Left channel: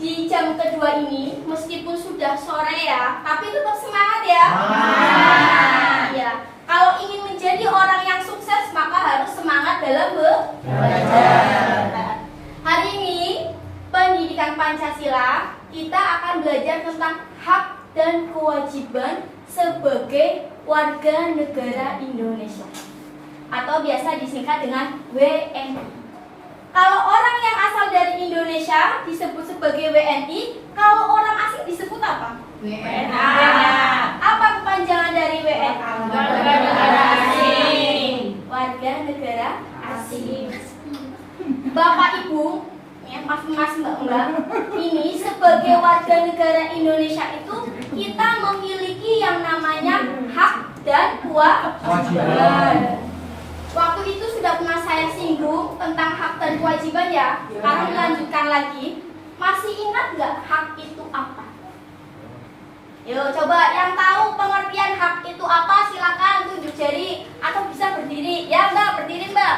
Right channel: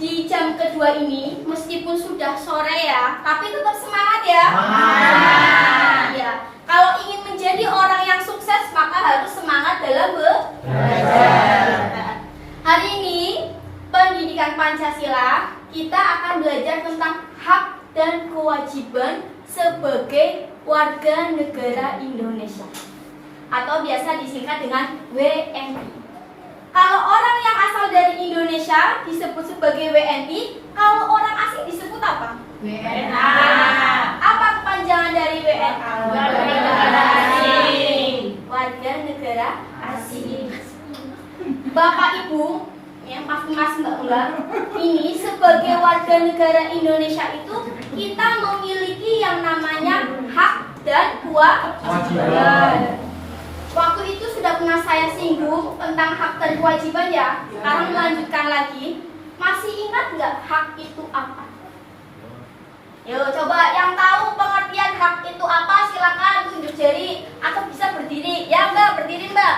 di jam kedua ini, meskipun sudah sore ya, tapi tetap semangat ya. Iya. Kalau ingin menjadi orang yang sukses, maka harus semangat dalam belajar. Hari ini, pendidikan Pancasila, kita akan belajar tentang hak dan kewajiban sebagai warga negara Indonesia, atau biasa disingkat dengan WNI. Kalau orang yang asal dari Indonesia disebut sebagai WNI, kalau orang asing disebut apa? WNA. Apa kepanjangan dari WNA? Warga negara asing. Warga negara asing. Bapak Ibu, ya mas mbak, ini sebagai warga negara Indonesia itu kita memiliki yang namanya hak dan kewajiban. Waktu itu sudah pernah saya singgung tentang hak dan kewajiban ya. Sekarang melanjutkan lagi. Masih ingat nggak hak itu apa? Yuk coba yang tahu pengertian hak itu apa silakan tunjuk jari atau bisa berdiri. Ya mbak, berdiri mbak.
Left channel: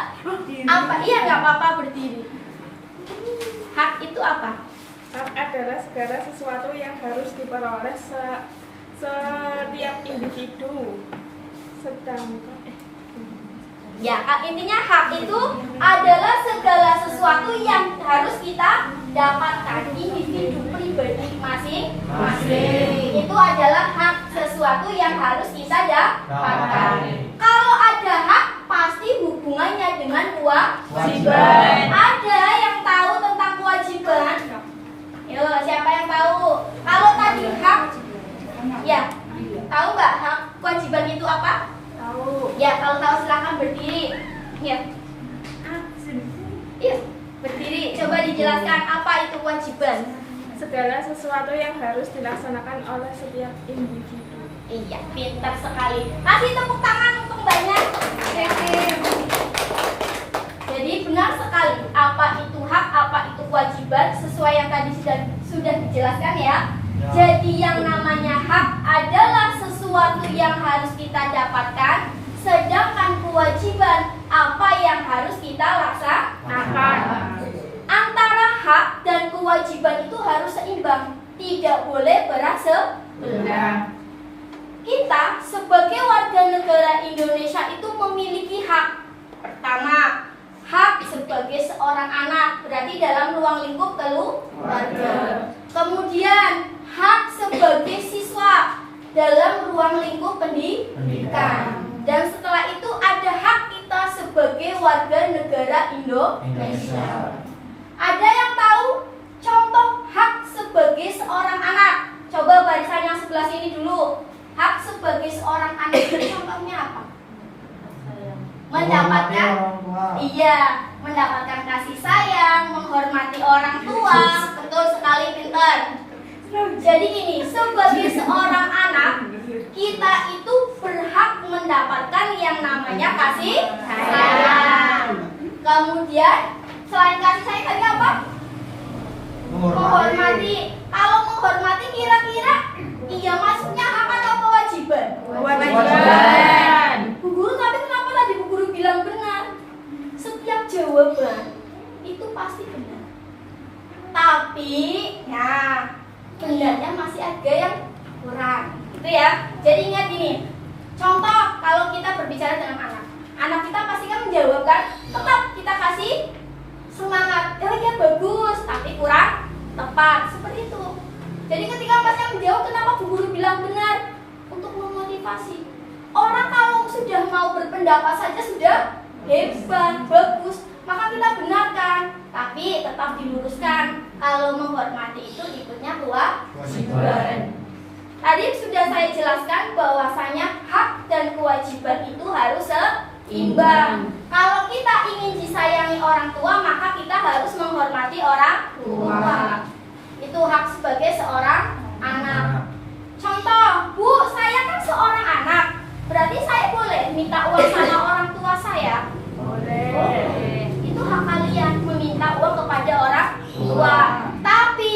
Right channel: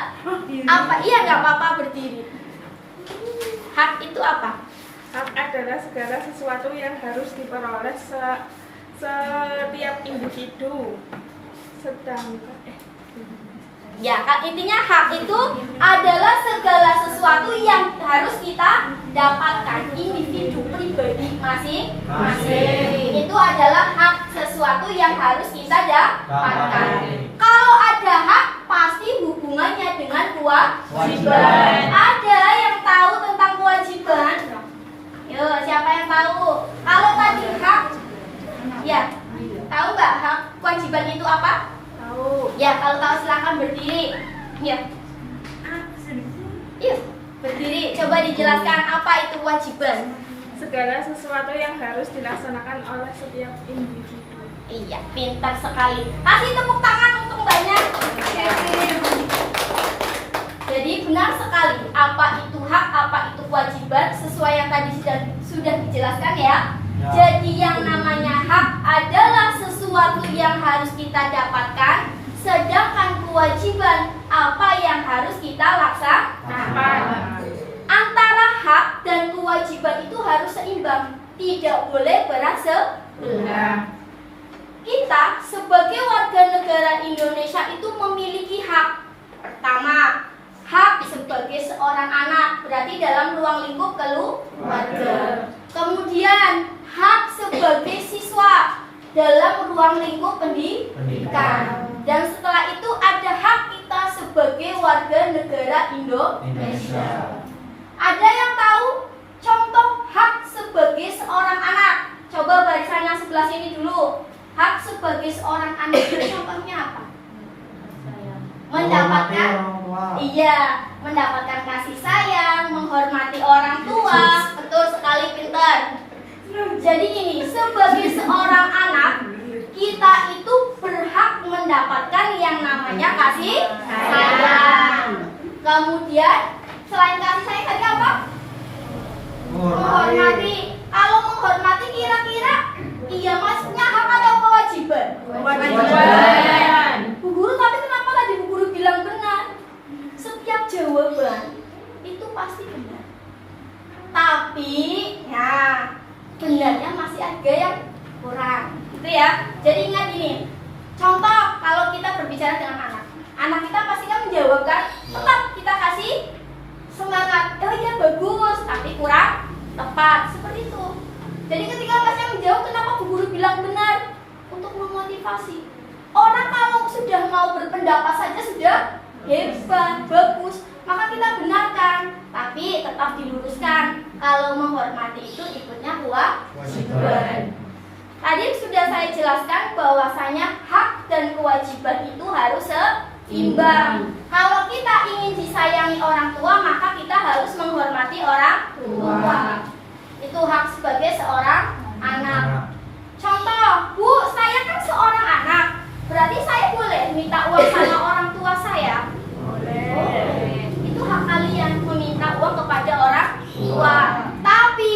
Apa? Iya nggak apa-apa berdiri. Hak itu apa? Hak adalah segala sesuatu yang harus diperoleh setiap individu. Ya, intinya hak itu adalah segala sesuatu yang harus kita dapatkan individu pribadi masing-masing. Itu adalah hak sesuatu yang harus kita dapatkan. Kalau ada hak, pasti hubungannya dengan kewajiban. Ada yang tahu tentang kewajiban? Yuk, siapa yang tahu? Kalau tadi hak, ya, tahu nggak hak kewajiban itu apa? Ya, kalau tahu silahkan berdiri. Ya. Yuk, berdiri. Coba dijelaskan apa itu kewajiban. Segala sesuatu yang harus dilaksanakan oleh setiap individu. Iya, pintar sekali. Kasih tepuk tangan untuk mbaknya. Jadi benar sekali. Apa itu hak, apa itu kewajiban, sesuai yang tadi sudah dijelaskan ya. Jadi yang namanya hak adalah sesuatu yang harus kita dapatkan, sedangkan kewajiban apa yang harus kita laksanakan. Antara hak dan kewajiban itu harus seimbang, tidak boleh berseberangan. Kita sebagai warga negara Indonesia itu memiliki hak. Pertama, hak sebagai seorang anak, berarti dalam ruang lingkup keluarga. Kemudian hak sebagai siswa dalam ruang lingkup pendidikan. Dan setelah itu ada hak kita sebagai warga negara Indonesia. Ada yang tahu contoh hak sebagai seorang anak? Coba barisan yang sebelah sini dulu. Hak sebagai seorang anak itu contohnya apa? Mendapatkan, iya, mendapatkan kasih sayang, menghormati orang tua. Betul sekali, pintar. Jadi ini, sebagai seorang anak, kita itu berhak mendapatkan yang namanya kasih sayang. Kemudian, selain kasih sayang tadi apa? Menghormati. Kalau menghormati kira-kira, iya maksudnya hak atau kewajiban? Kewajiban. Bu Guru, tapi kenapa tadi Bu Guru bilang benar? Setiap jawaban itu pasti benar. Tapi, ya, benarnya masih ada yang kurang, gitu ya. Jadi ingat ini, contoh kalau kita berbicara dengan anak kita pasti kan menjawab kan, tetap kita kasih semangat, oh iya bagus, tapi kurang tepat, seperti itu. Jadi ketika masnya menjawab, kenapa Bu Guru bilang benar? Untuk memotivasi. Orang kalau sudah mau berpendapat saja sudah hebat, bagus, maka kita benarkan, tapi tetap diluruskan. Kalau menghormati itu ikutnya kewajiban. Tadi sudah saya jelaskan bahwasanya hak dan kewajiban itu harus seimbang. Kalau kita ingin disayangi orang tua, maka kita harus menghormati orang tua. Itu hak sebagai seorang anak. Contoh, Bu, saya kan seorang anak, berarti saya boleh minta uang sama orang tua saya? Boleh. Itu hak kalian, meminta uang kepada orang tua. Tapi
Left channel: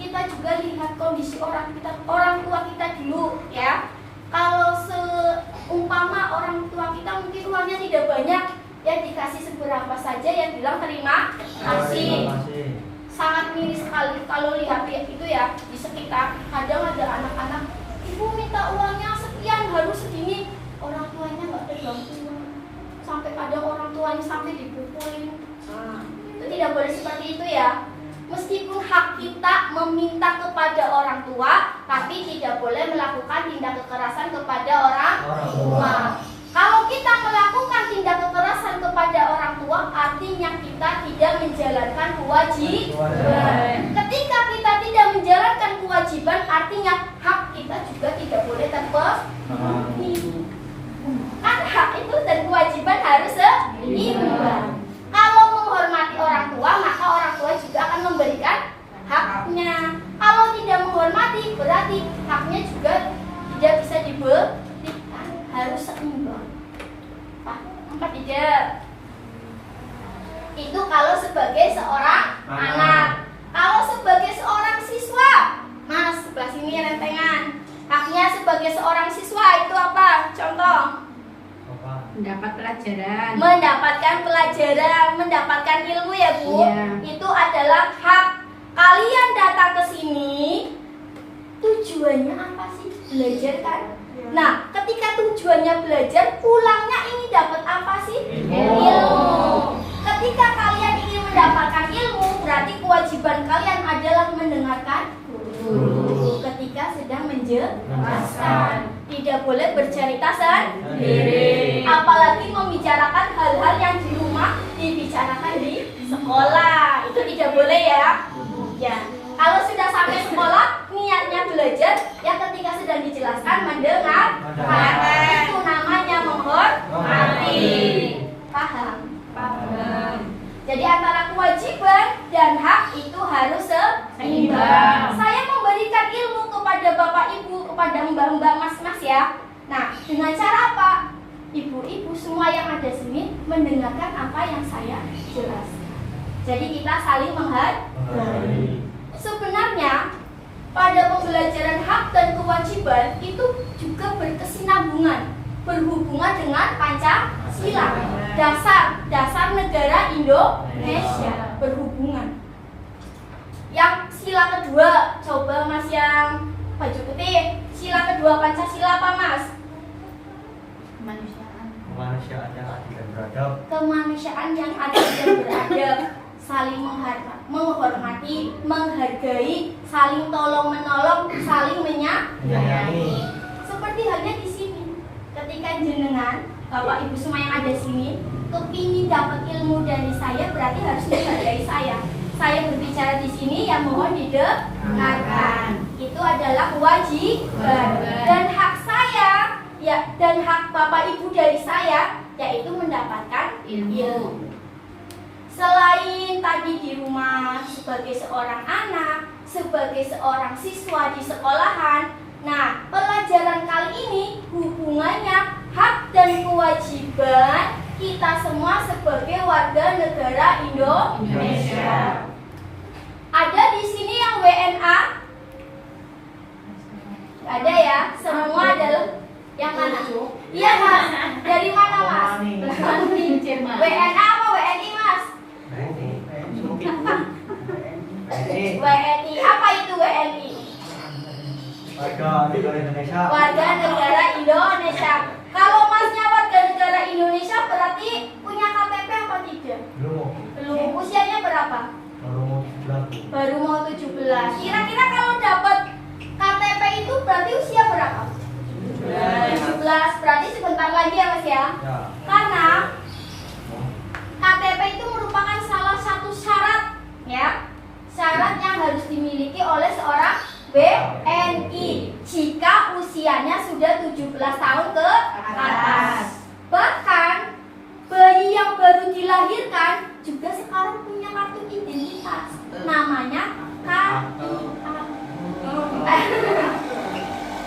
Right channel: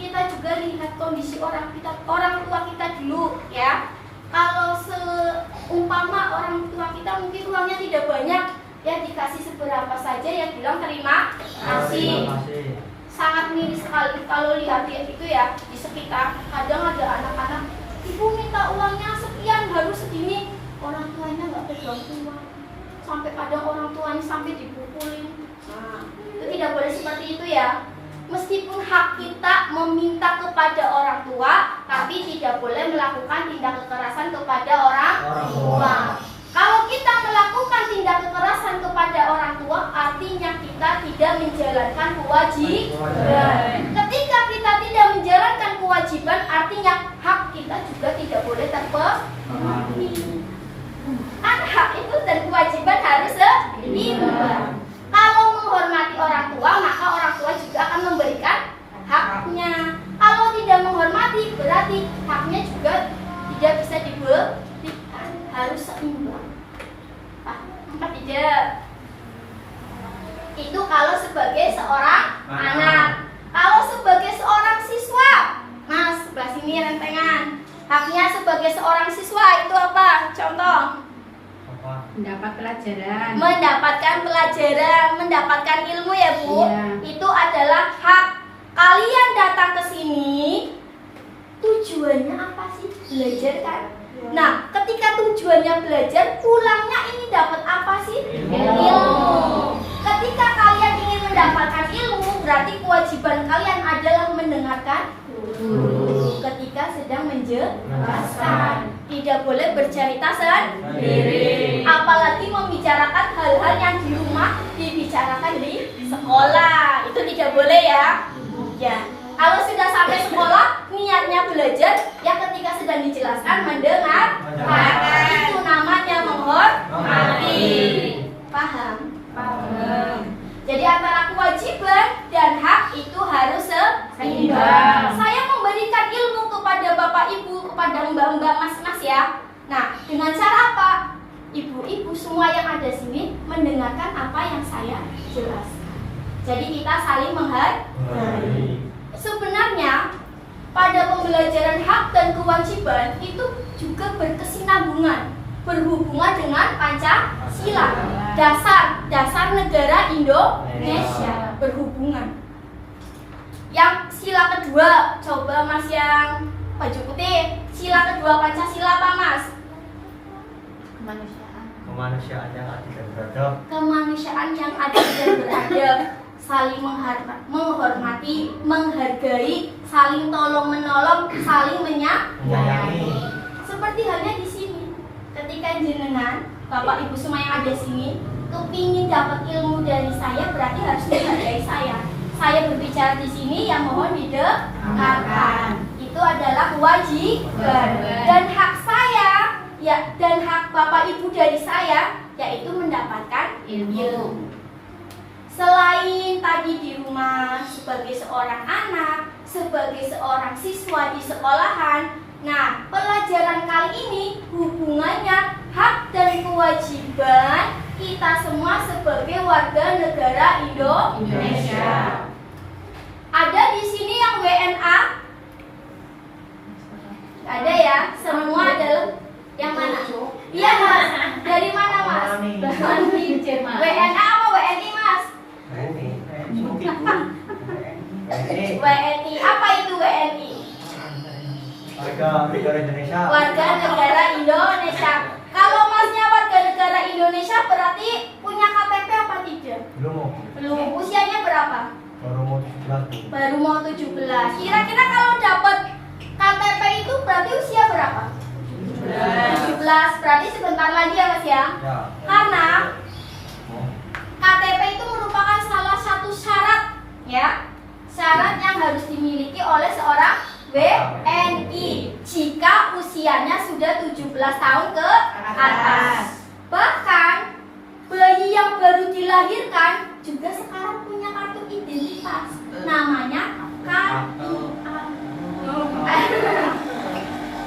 kita juga lihat kondisi orang tua kita dulu ya. Kalau seumpama orang tua kita mungkin uangnya tidak banyak, ya dikasih seberapa saja, ya bilang terima kasih. sangat miris sekali kalau lihat itu ya di sekitar. Kadang ada anak-anak, ibu minta uangnya sekian harus segini, orang tuanya nggak pegang uang, sampai kadang orang tuanya sampai dipukulin. Nah, itu tidak boleh seperti itu ya. Meskipun hak kita meminta kepada orang tua, tapi tidak boleh melakukan tindak kekerasan kepada orang tua. Kalau kita melakukan tindak kekerasan kepada orang tua, artinya kita tidak menjalankan kewajiban. Ketika kita tidak menjalankan kewajiban, artinya hak kita juga tidak boleh terpenuhi. Hak itu dan kewajiban harus seimbang. Kalau menghormati orang tua, maka orang tua juga akan memberikan haknya. Kalau tidak menghormati, berarti haknya juga tidak bisa diberikan, harus seimbang. Apa tidak? Itu kalau sebagai seorang anak. Kalau sebagai seorang siswa, Mas, sebelah sini rentengan. Haknya sebagai seorang siswa itu apa? Contoh. Mendapat pelajaran. Mendapatkan pelajaran, mendapatkan ilmu ya Bu. Iya. Itu adalah hak. Kalian datang ke sini, tujuannya apa sih? Belajar kan? Nah, ketika tujuannya belajar, pulangnya ini dapat apa sih? Ilmu. Ketika kalian ingin mendapatkan ilmu, berarti kewajiban kalian adalah mendengarkan guru ketika sedang menjelaskan. Tidak boleh bercerita sendiri, apalagi membicarakan hal-hal yang di rumah dibicarakan di sekolah. Itu tidak boleh ya. Ya. Kalau sudah sampai sekolah, niatnya belajar, yang ketika sedang dijelaskan mendengar. Itu namanya menghormati. Paham? Paham. Jadi antara kewajiban dan hak itu harus seimbang. Saya memberikan ilmu kepada bapak ibu, kepada mbak-mbak, mas-mas ya. Nah, dengan cara apa? Ibu-ibu semua yang ada sini mendengarkan apa yang saya jelaskan. Jadi kita saling menghargai. Sebenarnya pada pembelajaran hak dan kewajiban itu juga berkesinambungan, berhubungan dengan Pancasila, dasar negara Indonesia, berhubungan. Yang sila kedua, coba Mas yang baju putih, sila kedua Pancasila apa Mas? Kemanusiaan yang adil dan beradab. Kemanusiaan yang adil dan beradab, saling menghormati, menghargai, saling tolong menolong, saling menyayangi. Seperti halnya di sini, ketika jenengan, bapak ibu semua yang ada sini, kepingin dapat ilmu dari saya, berarti harus menghargai saya. Saya berbicara di sini, yang mohon didengarkan. Itu adalah kewajiban dan hak saya, ya, dan hak bapak ibu dari saya, yaitu mendapatkan ilmu. Selain tadi di rumah sebagai seorang anak, sebagai seorang siswa di sekolahan, nah pelajaran kali ini hubungannya hak dan kewajiban kita semua sebagai warga negara Indonesia. Ada di sini yang WNA? Ada ya? Semua adalah yang mana? Iya Mas. Dari mana Mas? WNA apa WNI Mas? WNI. Apa itu WNI? Warga negara Indonesia. Warga negara Indonesia. Kalau Masnya warga negara Indonesia berarti punya KTP apa tidak? Belum. Belum. Usianya berapa? Baru mau 17. Baru mau 17. Kira-kira kalau dapat KTP itu berarti usia berapa? 17. Berarti sebentar lagi ya Mas ya? Ya. Karena KTP itu merupakan salah satu syarat ya, syarat yang harus dimiliki oleh seorang WNI jika usianya sudah 17 tahun ke atas. Bahkan bayi yang baru dilahirkan juga sekarang punya kartu identitas, namanya KIA.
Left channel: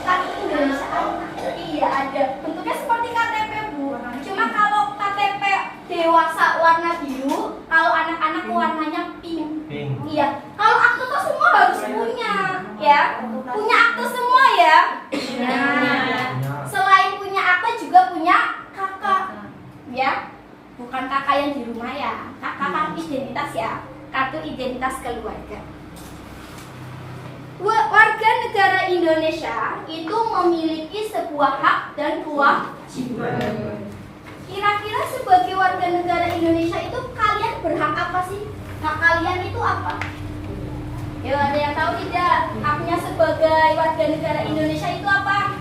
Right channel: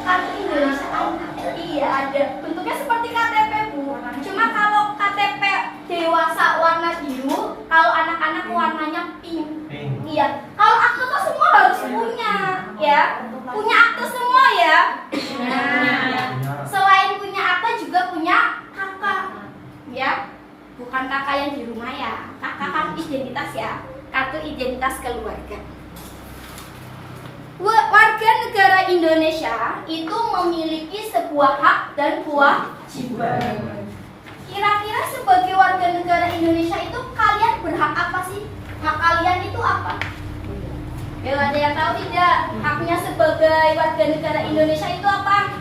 Kartu Indonesia Anak. Iya ada. Bentuknya seperti KTP Bu. Cuma kalau KTP dewasa warna biru, kalau anak-anak warnanya pink. Iya. Kalau akte tuh semua harus punya, ya. Punya akte semua ya. Nah, selain punya akte juga punya kakak, ya. Bukan kakak yang di rumah ya. Kakak identitas ya. kartu identitas keluarga. Warga negara Indonesia itu memiliki sebuah hak dan kewajiban. Kira-kira sebagai warga negara Indonesia itu kalian berhak apa sih? Hak kalian itu apa? Ya, ada yang tahu tidak? Haknya sebagai warga negara Indonesia itu apa?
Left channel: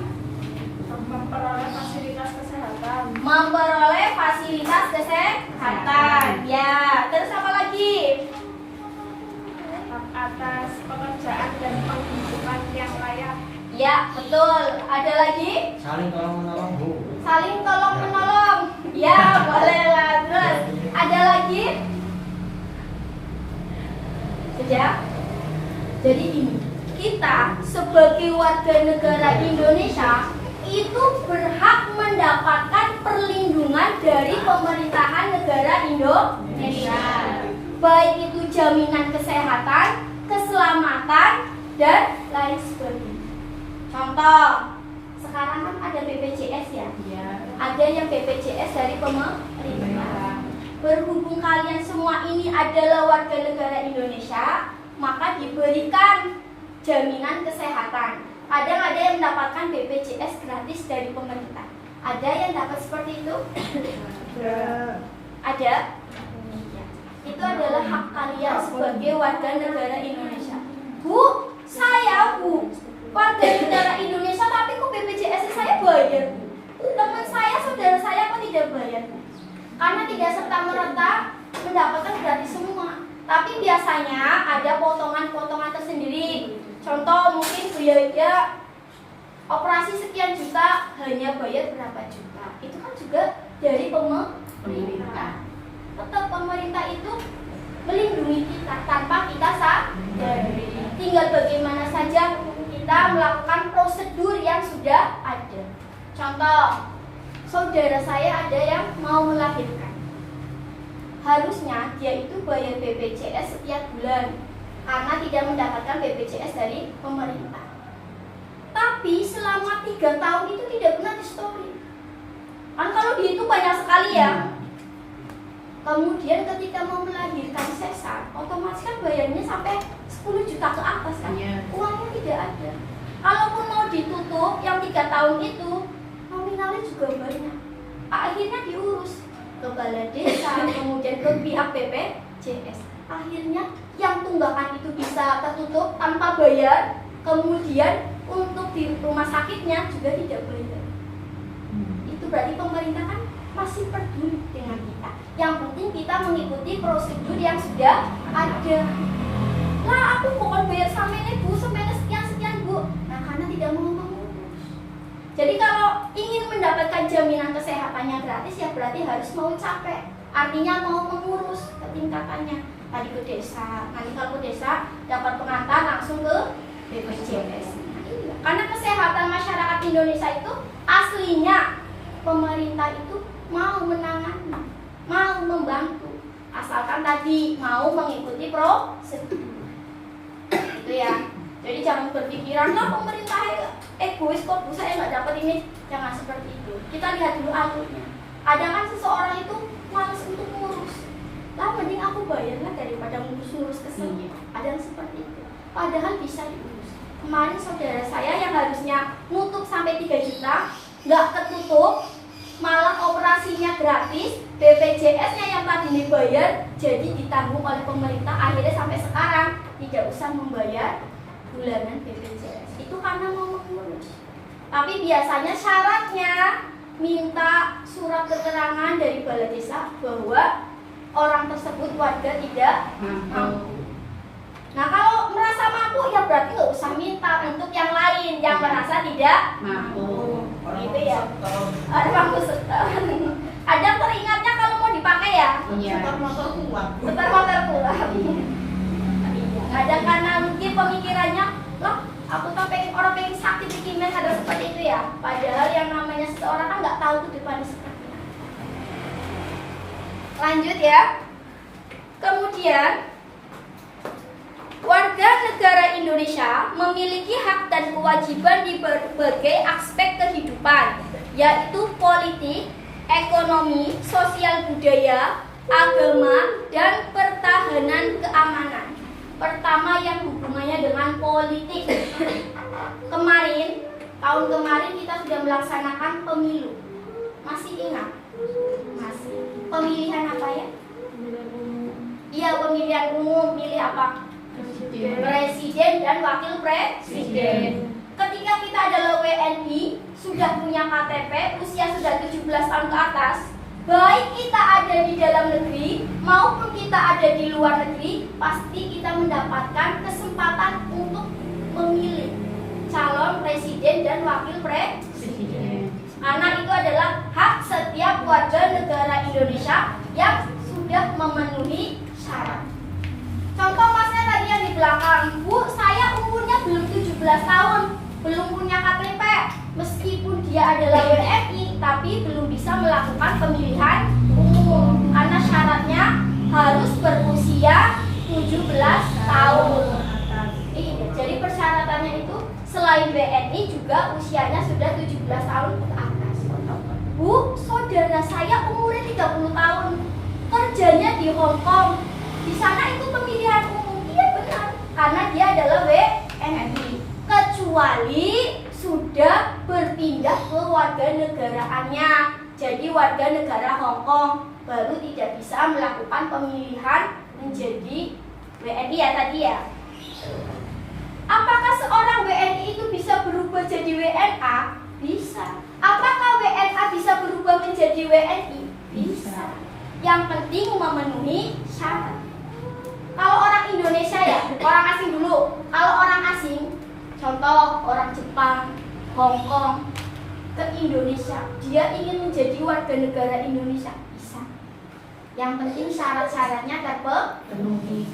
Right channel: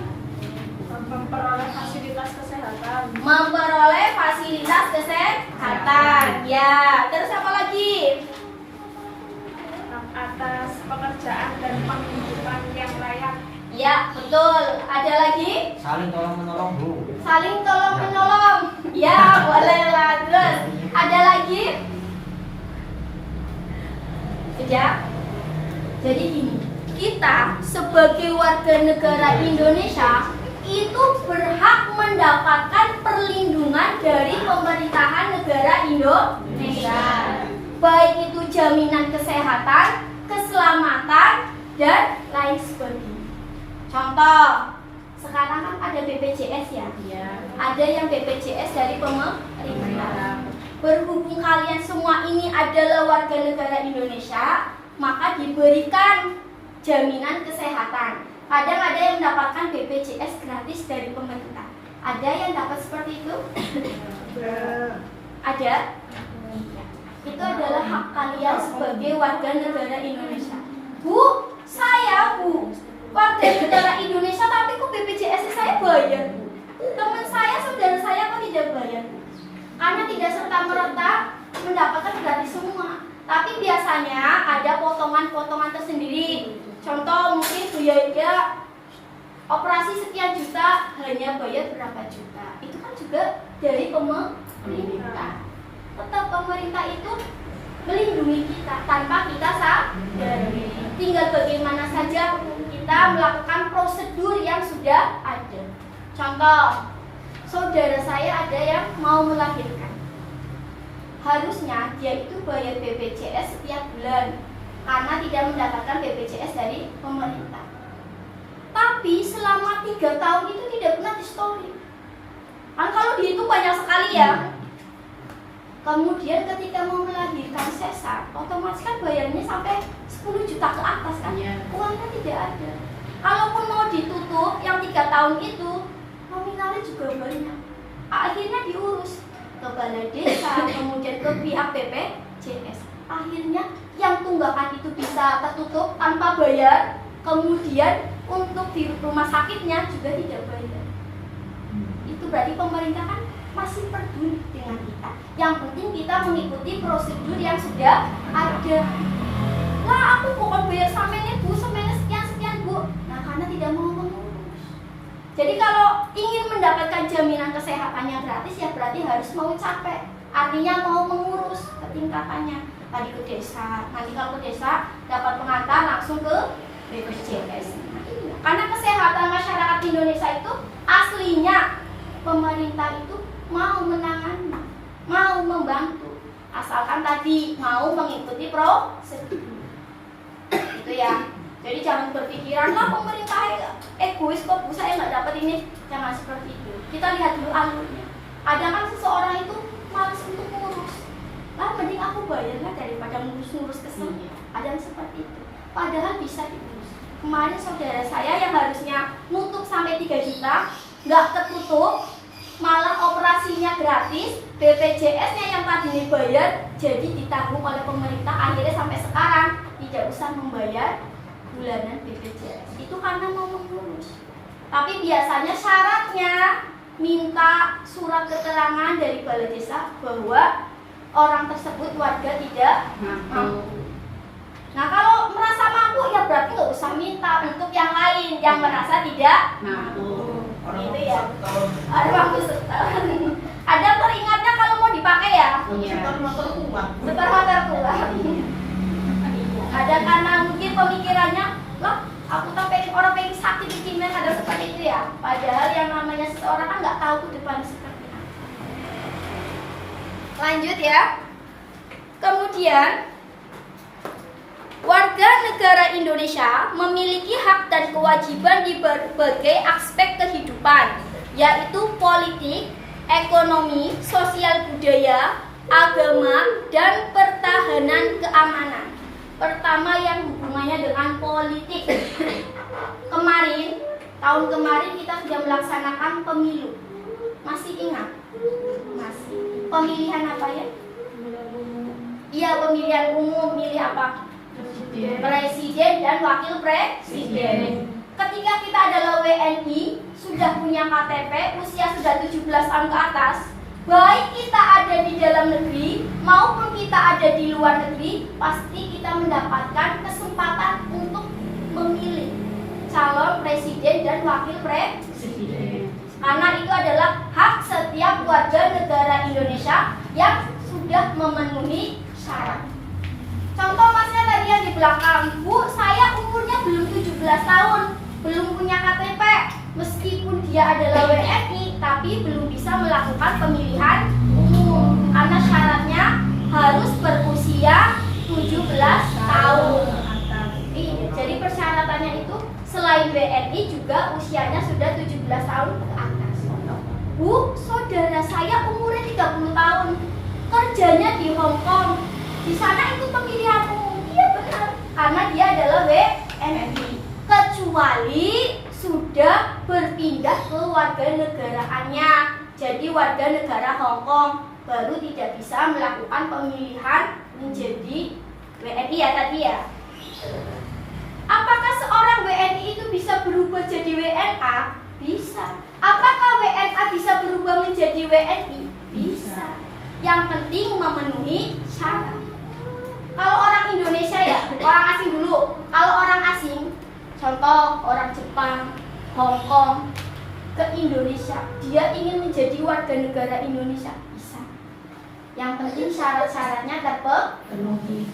Memperoleh fasilitas kesehatan. Memperoleh fasilitas kesehatan. Ya, terus apa lagi? Hak atas pekerjaan dan penghidupan yang layak. Ya, betul. Ada lagi? Saling tolong menolong, Bu. Saling tolong menolong. Ya, boleh lah. Terus ada lagi? Sudah. Jadi gini, kita sebagai warga negara Indonesia itu berhak mendapatkan perlindungan dari pemerintahan negara Indonesia. Baik itu jaminan kesehatan, keselamatan, dan lain sebagainya. Contoh, sekarang kan ada BPJS ya? Iya. Ada yang BPJS dari pemerintah. Berhubung kalian semua ini adalah warga negara Indonesia, maka diberikan jaminan kesehatan. Kadang ada yang mendapatkan BPJS gratis dari pemerintah. Ada yang dapat seperti itu? Ada? Ya. Itu adalah hak kalian sebagai warga negara Indonesia. Bu, saya warga negara Indonesia, tapi kok BPJS saya bayar? Teman saya, saudara saya kok tidak bayar? Karena tidak serta-merta mendapatkan gratis semua. Tapi biasanya ada potongan-potongan tersendiri. Contoh mungkin biaya operasi sekian juta hanya bayar berapa juta. Itu kan juga dari pemerintah. Tetap pemerintah itu melindungi kita tanpa kita sadari. Tinggal bagaimana saja kita melakukan prosedur yang sudah ada. Contoh, saudara saya ada yang mau melahirkan. Harusnya dia itu bayar BPJS setiap bulan karena tidak mendapatkan BPJS dari pemerintah. Tapi selama 3 tahun itu tidak pernah di-story. Kan kalau dihitung banyak sekali ya. Kemudian ketika mau melahirkan sesar, otomatis kan bayarnya sampai 10 juta ke atas kan. Uangnya tidak ada. Kalaupun mau ditutup yang 3 tahun itu, nominalnya juga banyak. Akhirnya diurus ke balai desa, kemudian ke pihak BPJS. Akhirnya yang tunggakan itu bisa tertutup tanpa bayar, kemudian untuk di rumah sakitnya juga tidak bayar. Itu berarti pemerintah kan masih peduli dengan kita. Yang penting kita mengikuti prosedur yang sudah ada. Lah aku bukan bayar samene Bu, samene sekian Bu. Nah karena tidak mau mengurus. Jadi kalau ingin mendapatkan jaminan kesehatannya gratis ya berarti harus mau capek. Artinya mau mengurus ketingkatannya. Tadi ke desa, nanti kalau ke desa dapat pengantar langsung ke BPJS. Nah, iya. Karena kesehatan masyarakat Indonesia itu aslinya pemerintah itu mau menangani, mau membantu, asalkan tadi mau mengikuti prosedur. Itu ya. Jadi jangan berpikiran lah pemerintah egois kok Bu saya nggak dapat ini. Jangan seperti itu. Kita lihat dulu alurnya. Ada kan seseorang itu malas untuk ngurus. Lah mending aku bayarnya daripada ngurus-ngurus kesel. Ada yang seperti itu. Padahal bisa diurus. Kemarin saudara saya yang harusnya nutup sampai 3 juta nggak ketutup, malah operasinya gratis, BPJS-nya yang tadi dibayar jadi ditanggung oleh pemerintah. Akhirnya sampai sekarang tidak usah membayar bulanan BPJS. Itu karena mau mengurus. Tapi biasanya syaratnya minta surat keterangan dari balai desa bahwa orang tersebut warga tidak mampu. Nah kalau merasa mampu ya berarti nggak usah minta untuk yang lain yang merasa tidak mampu. Itu ya. Ada mampu setahun. Ada teringatnya kalau mau dipakai ya. Setor motor tua. Ada karena mungkin pemikirannya, wah aku tuh pengen orang pengen sakit di Cina, ada seperti itu ya. Padahal yang namanya seseorang kan nggak tahu ke depan seperti apa. Lanjut ya. Kemudian warga negara Indonesia memiliki hak dan kewajiban di berbagai aspek kehidupan, yaitu politik, ekonomi, sosial budaya, agama, dan pertahanan pertahanan keamanan. Pertama yang hubungannya dengan politik. Tahun kemarin kita sudah melaksanakan pemilu. Masih ingat? Masih. Pemilihan apa ya? Iya, pemilihan umum. Milih apa? Presiden dan wakil presiden. Ketika kita adalah WNI, sudah punya KTP, usia sudah 17 tahun ke atas, baik kita ada di dalam negeri maupun kita ada di luar negeri, pasti kita mendapatkan kesempatan untuk memilih calon presiden dan wakil presiden. Karena itu adalah hak setiap warga negara Indonesia yang sudah memenuhi syarat. Contoh masnya tadi yang di belakang, Bu, saya umurnya belum 17 tahun, belum punya KTP. Meskipun dia adalah WNI, tapi belum bisa melakukan pemilihan umum karena syaratnya harus berusia 17 tahun. Jadi persyaratannya itu selain WNI juga usianya sudah 17 tahun ke atas. Bu, saudara saya umurnya 30 tahun, kerjanya di Hong Kong. Di sana itu pemilihan umum. Iya benar, karena dia adalah WNI. Kecuali sudah berpindah ke warga negaraannya, jadi warga negara Hong Kong, baru tidak bisa melakukan pemilihan menjadi WNI ya tadi ya. Apakah seorang WNI itu bisa berubah jadi WNA? Bisa. Apakah WNA bisa berubah menjadi WNI? Bisa. Yang penting memenuhi syarat. Kalau orang Indonesia ya, orang asing dulu. Kalau orang asing, contoh orang Jepang, Hong Kong ke Indonesia, dia ingin menjadi warga negara Indonesia, bisa. Yang penting syarat-syaratnya terpenuhi.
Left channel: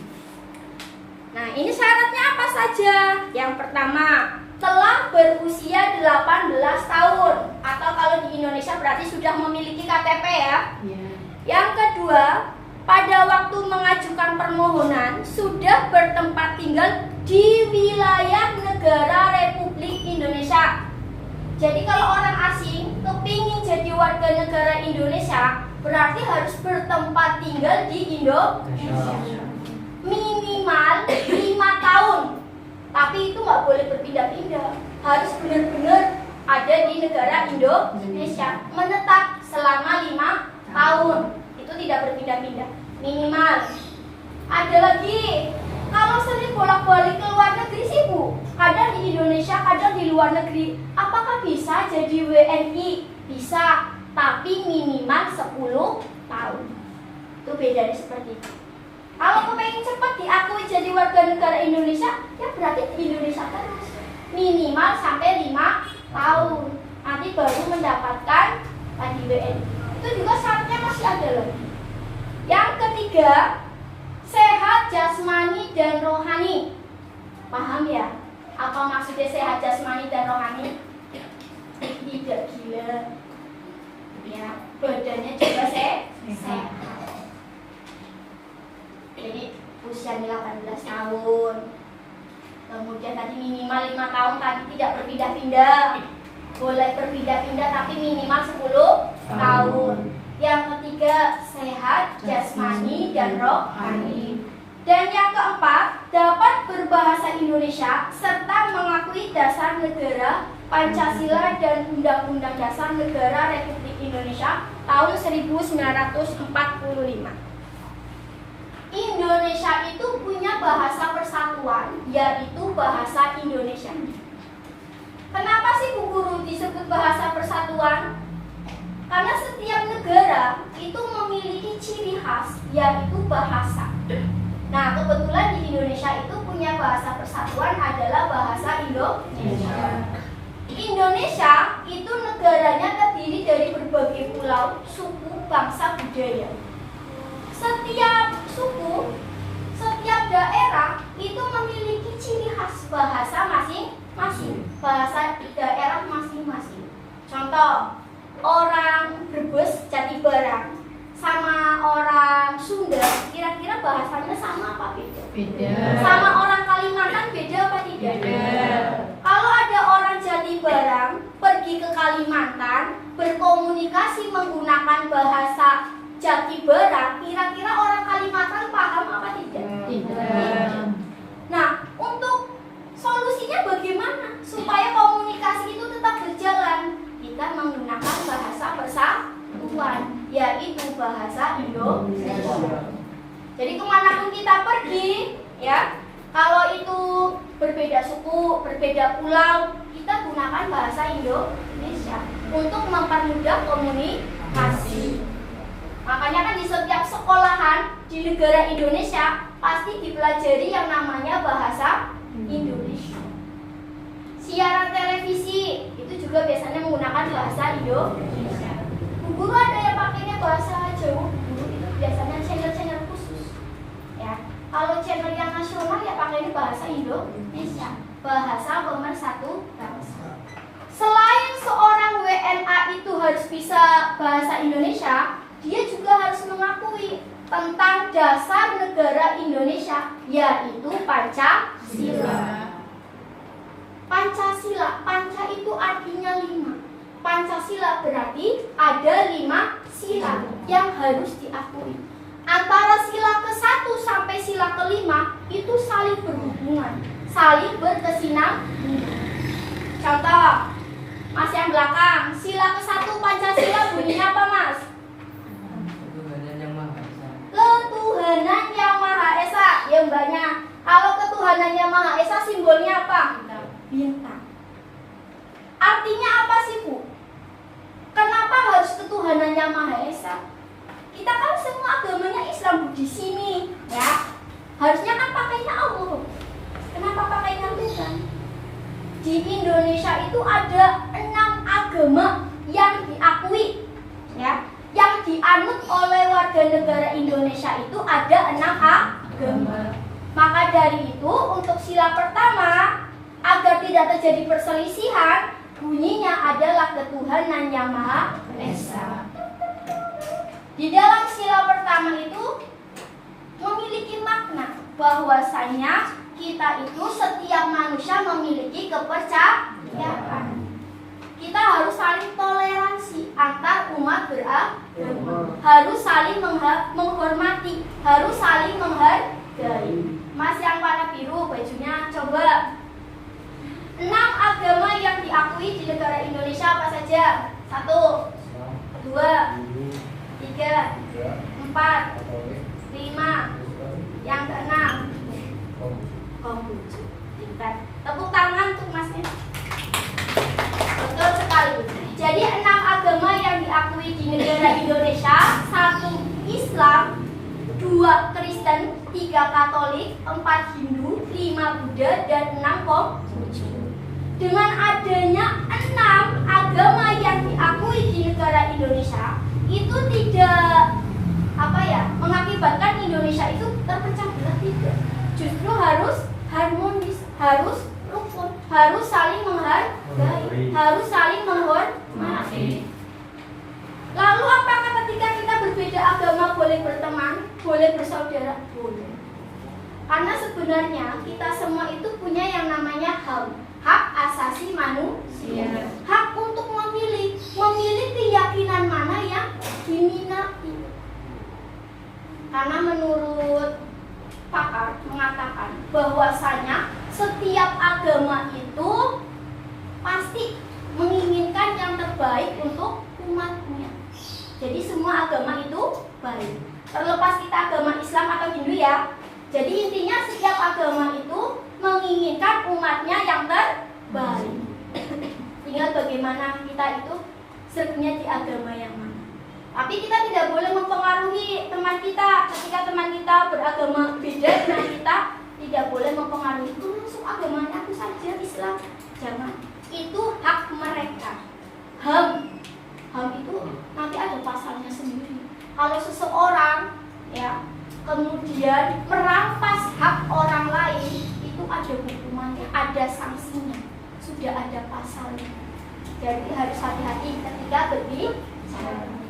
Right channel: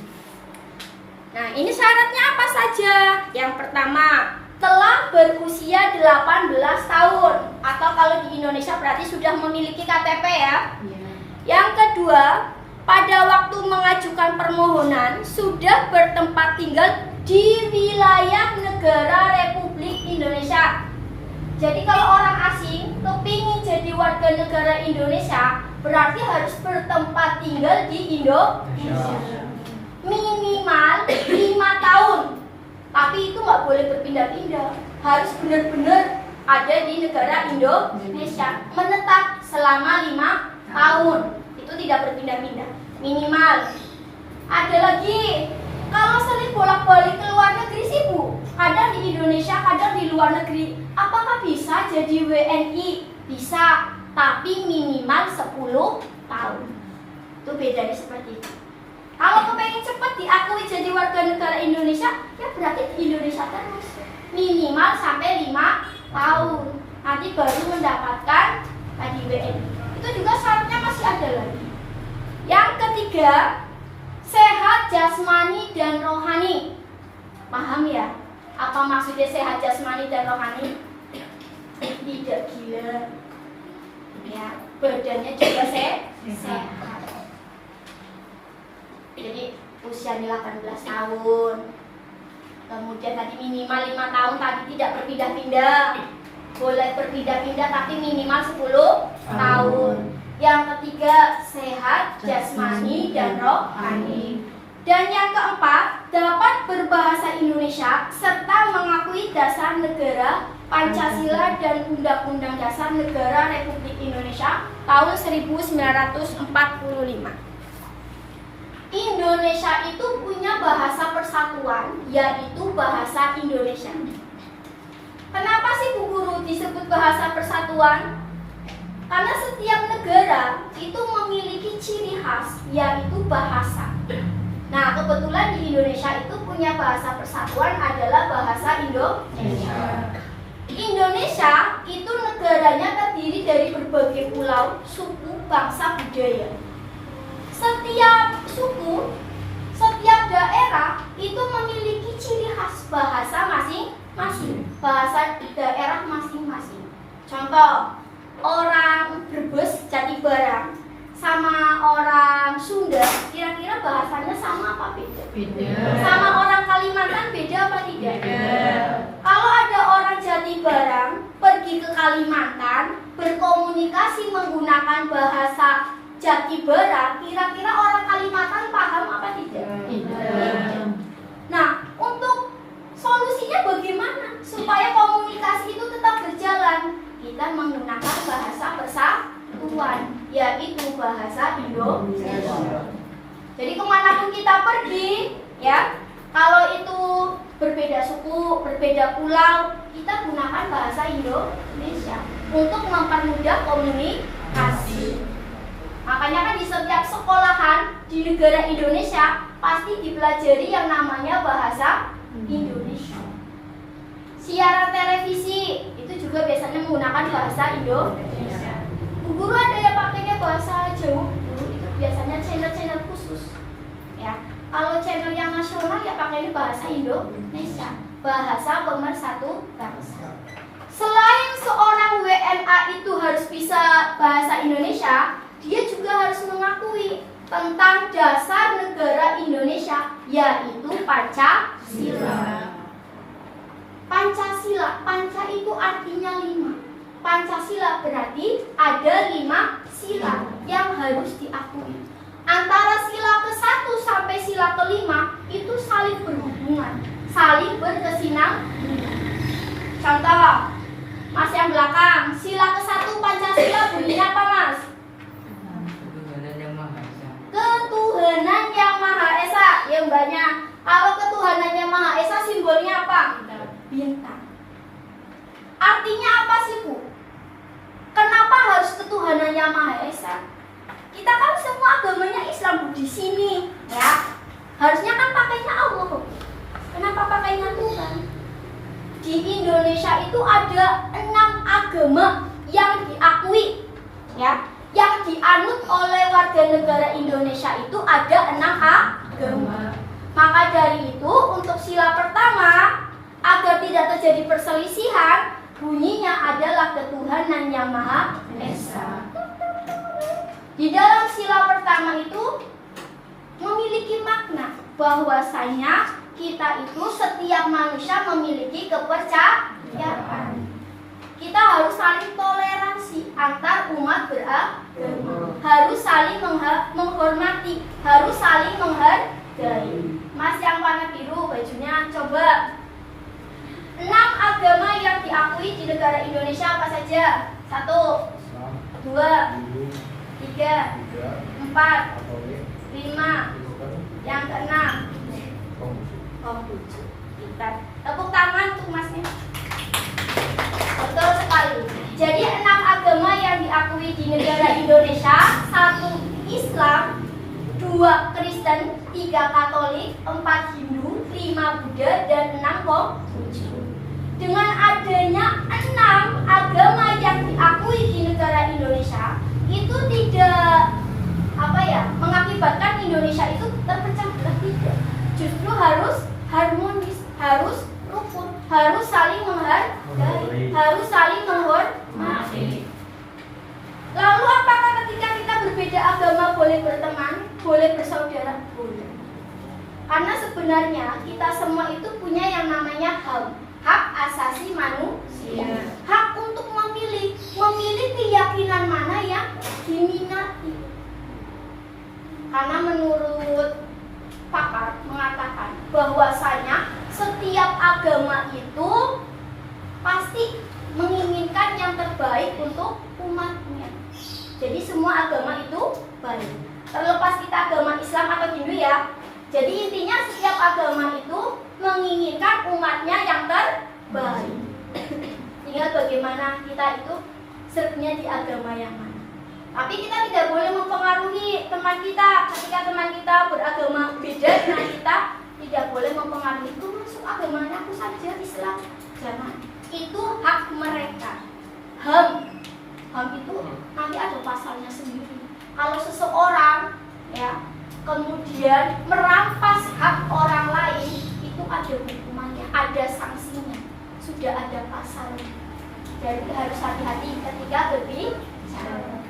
Nah, ini syaratnya apa saja? Yang pertama, telah berusia 18 tahun atau kalau di Indonesia berarti sudah memiliki KTP ya. Yang kedua, pada waktu mengajukan permohonan sudah bertempat tinggal di wilayah negara Republik Indonesia. Jadi kalau orang asing kepingin jadi warga negara Indonesia, berarti harus bertempat tinggal di Indonesia. Minimal 5 tahun. Tapi itu nggak boleh berpindah-pindah. Harus benar-benar ada di negara Indonesia. Menetap selama 5 tahun. Itu tidak berpindah-pindah. Minimal. Ada lagi, kalau sering bolak-balik ke luar negeri sih Bu, kadang di Indonesia, kadang di luar negeri, apakah bisa jadi WNI? Bisa, tapi minimal 10 tahun. Itu bedanya seperti itu. Kalau kepengen cepat diakui jadi warga negara Indonesia, ya berarti di Indonesia terus. Minimal sampai 5 tahun. Nanti baru mendapatkan tadi WNI. Itu juga syaratnya masih ada lagi. Yang ketiga, sehat jasmani dan rohani. Paham ya? Apa maksudnya sehat jasmani dan rohani? Tidak gila. Ya, badannya juga sehat. Jadi usianya 18 tahun. Kemudian tadi minimal 5 tahun, tadi tidak berpindah-pindah. Boleh berpindah-pindah tapi minimal 10 tahun. Yang ketiga, sehat jasmani dan rohani. Dan yang keempat, dapat berbahasa Indonesia serta mengakui dasar negara Pancasila dan Undang-Undang Dasar Negara Republik Indonesia tahun 1945. Indonesia itu punya bahasa persatuan, yaitu bahasa Indonesia. Kenapa sih Bu Guru disebut bahasa persatuan? Karena setiap negara itu memiliki ciri khas, yaitu bahasa. Nah, kebetulan di Indonesia itu punya bahasa persatuan adalah bahasa Indonesia. Indonesia itu negaranya terdiri dari berbagai pulau, suku, bangsa, budaya. Setiap suku, setiap daerah itu memiliki ciri khas bahasa masing-masing, bahasa daerah masing-masing. Contoh, orang Brebes, Jatibarang sama orang Sunda kira-kira bahasanya sama apa beda? Beda. Sama orang Kalimantan beda apa tidak? Beda. Kalau ada orang Jatibarang pergi ke Kalimantan berkomunikasi menggunakan bahasa Jaki Berang, kira-kira orang Kalimantan paham apa tidak? Tidak. Nah, untuk solusinya bagaimana supaya komunikasi itu tetap berjalan? Kita menggunakan bahasa persatuan, yaitu bahasa Indonesia. Jadi kemanapun kita pergi, ya, kalau itu berbeda suku, berbeda pulau, kita gunakan bahasa Indonesia untuk mempermudah komunikasi. Makanya kan di setiap sekolahan di negara Indonesia pasti dipelajari yang namanya bahasa Indonesia. Siaran televisi itu juga biasanya menggunakan bahasa Indonesia. Guru ada yang pakainya bahasa Jawa, itu biasanya channel-channel khusus. Ya, kalau channel yang nasional ya pakainya bahasa Indonesia, bahasa pemersatu bangsa. Selain seorang WNA itu harus bisa bahasa Indonesia, dia juga harus mengakui tentang dasar negara Indonesia, yaitu Pancasila. Pancasila, panca itu artinya 5. Pancasila berarti ada 5 sila yang harus diakui. Antara sila ke-1 sampai sila ke-5 itu saling berhubungan, saling berkesinambungan. Contoh, Mas yang belakang, sila ke-1 Pancasila bunyinya apa, Mas? Ketuhanan yang Maha Esa. Ketuhanan yang Maha Esa. Ya mbaknya, kalau ketuhanan yang Maha Esa simbolnya apa? Bintang. Artinya apa sih, Bu? Kenapa harus ketuhanan yang Maha Esa? Kita kan semua agamanya Islam, Bu, di sini, ya. Harusnya kan pakainya Allah, Bu. Kenapa pakainya Tuhan? Di Indonesia itu ada 6 agama yang diakui, ya. Yang dianut oleh warga negara Indonesia itu ada 6 agama. Maka dari itu, untuk sila pertama, agar tidak terjadi perselisihan, bunyinya adalah ketuhanan yang Maha Esa. Di dalam sila pertama itu memiliki makna bahwasanya kita itu setiap manusia memiliki kepercayaan. Kita harus saling toleransi antar umat beragama, harus saling menghormati, harus saling menghargai. Mas yang warna biru bajunya, coba 6 agama yang diakui di negara Indonesia apa saja? 1, 2, 3, 4, 5. Yang ke-6 Konghucu. Pintar. Tepuk tangan untuk Masnya. Betul sekali. Jadi 6 agama yang diakui di negara Indonesia: 1 Islam, 2 Kristen, 3 Katolik, 4 Hindu, 5 Buddha, dan 6 Konghucu. Dengan adanya 6 agama yang diakui di negara Indonesia, itu tidak mengakibatkan Indonesia itu terpecah belah, tidak. Justru harus harmonis, harus rukun, harus saling menghargai, harus saling menghormati. Lalu apakah ketika kita berbeda agama boleh berteman, boleh bersaudara? Boleh. Karena sebenarnya kita semua itu punya yang namanya hak asasi manusia, hak untuk memilih keyakinan mana yang diminati. Karena menurut pakar mengatakan bahwasanya setiap agama itu pasti menginginkan yang terbaik untuk umatnya. Jadi semua agama itu baik. Terlepas kita agama Islam atau Hindu, ya. Jadi intinya setiap agama itu menginginkan umatnya yang terbaik. Tinggal bagaimana kita itu sertnya di agama yang mana. Tapi kita tidak boleh mempengaruhi teman kita. Ketika teman kita beragama beda dengan kita, tidak boleh mempengaruhi. Aku masuk agamanya aku saja Islam. Jangan. Itu hak mereka. HAM itu nanti ada pasalnya sendiri. Kalau seseorang, ya, kemudian merampas hak orang lain, itu ada hukumannya, ada sanksinya, sudah ada pasalnya. Jadi harus hati-hati ketika berbicara.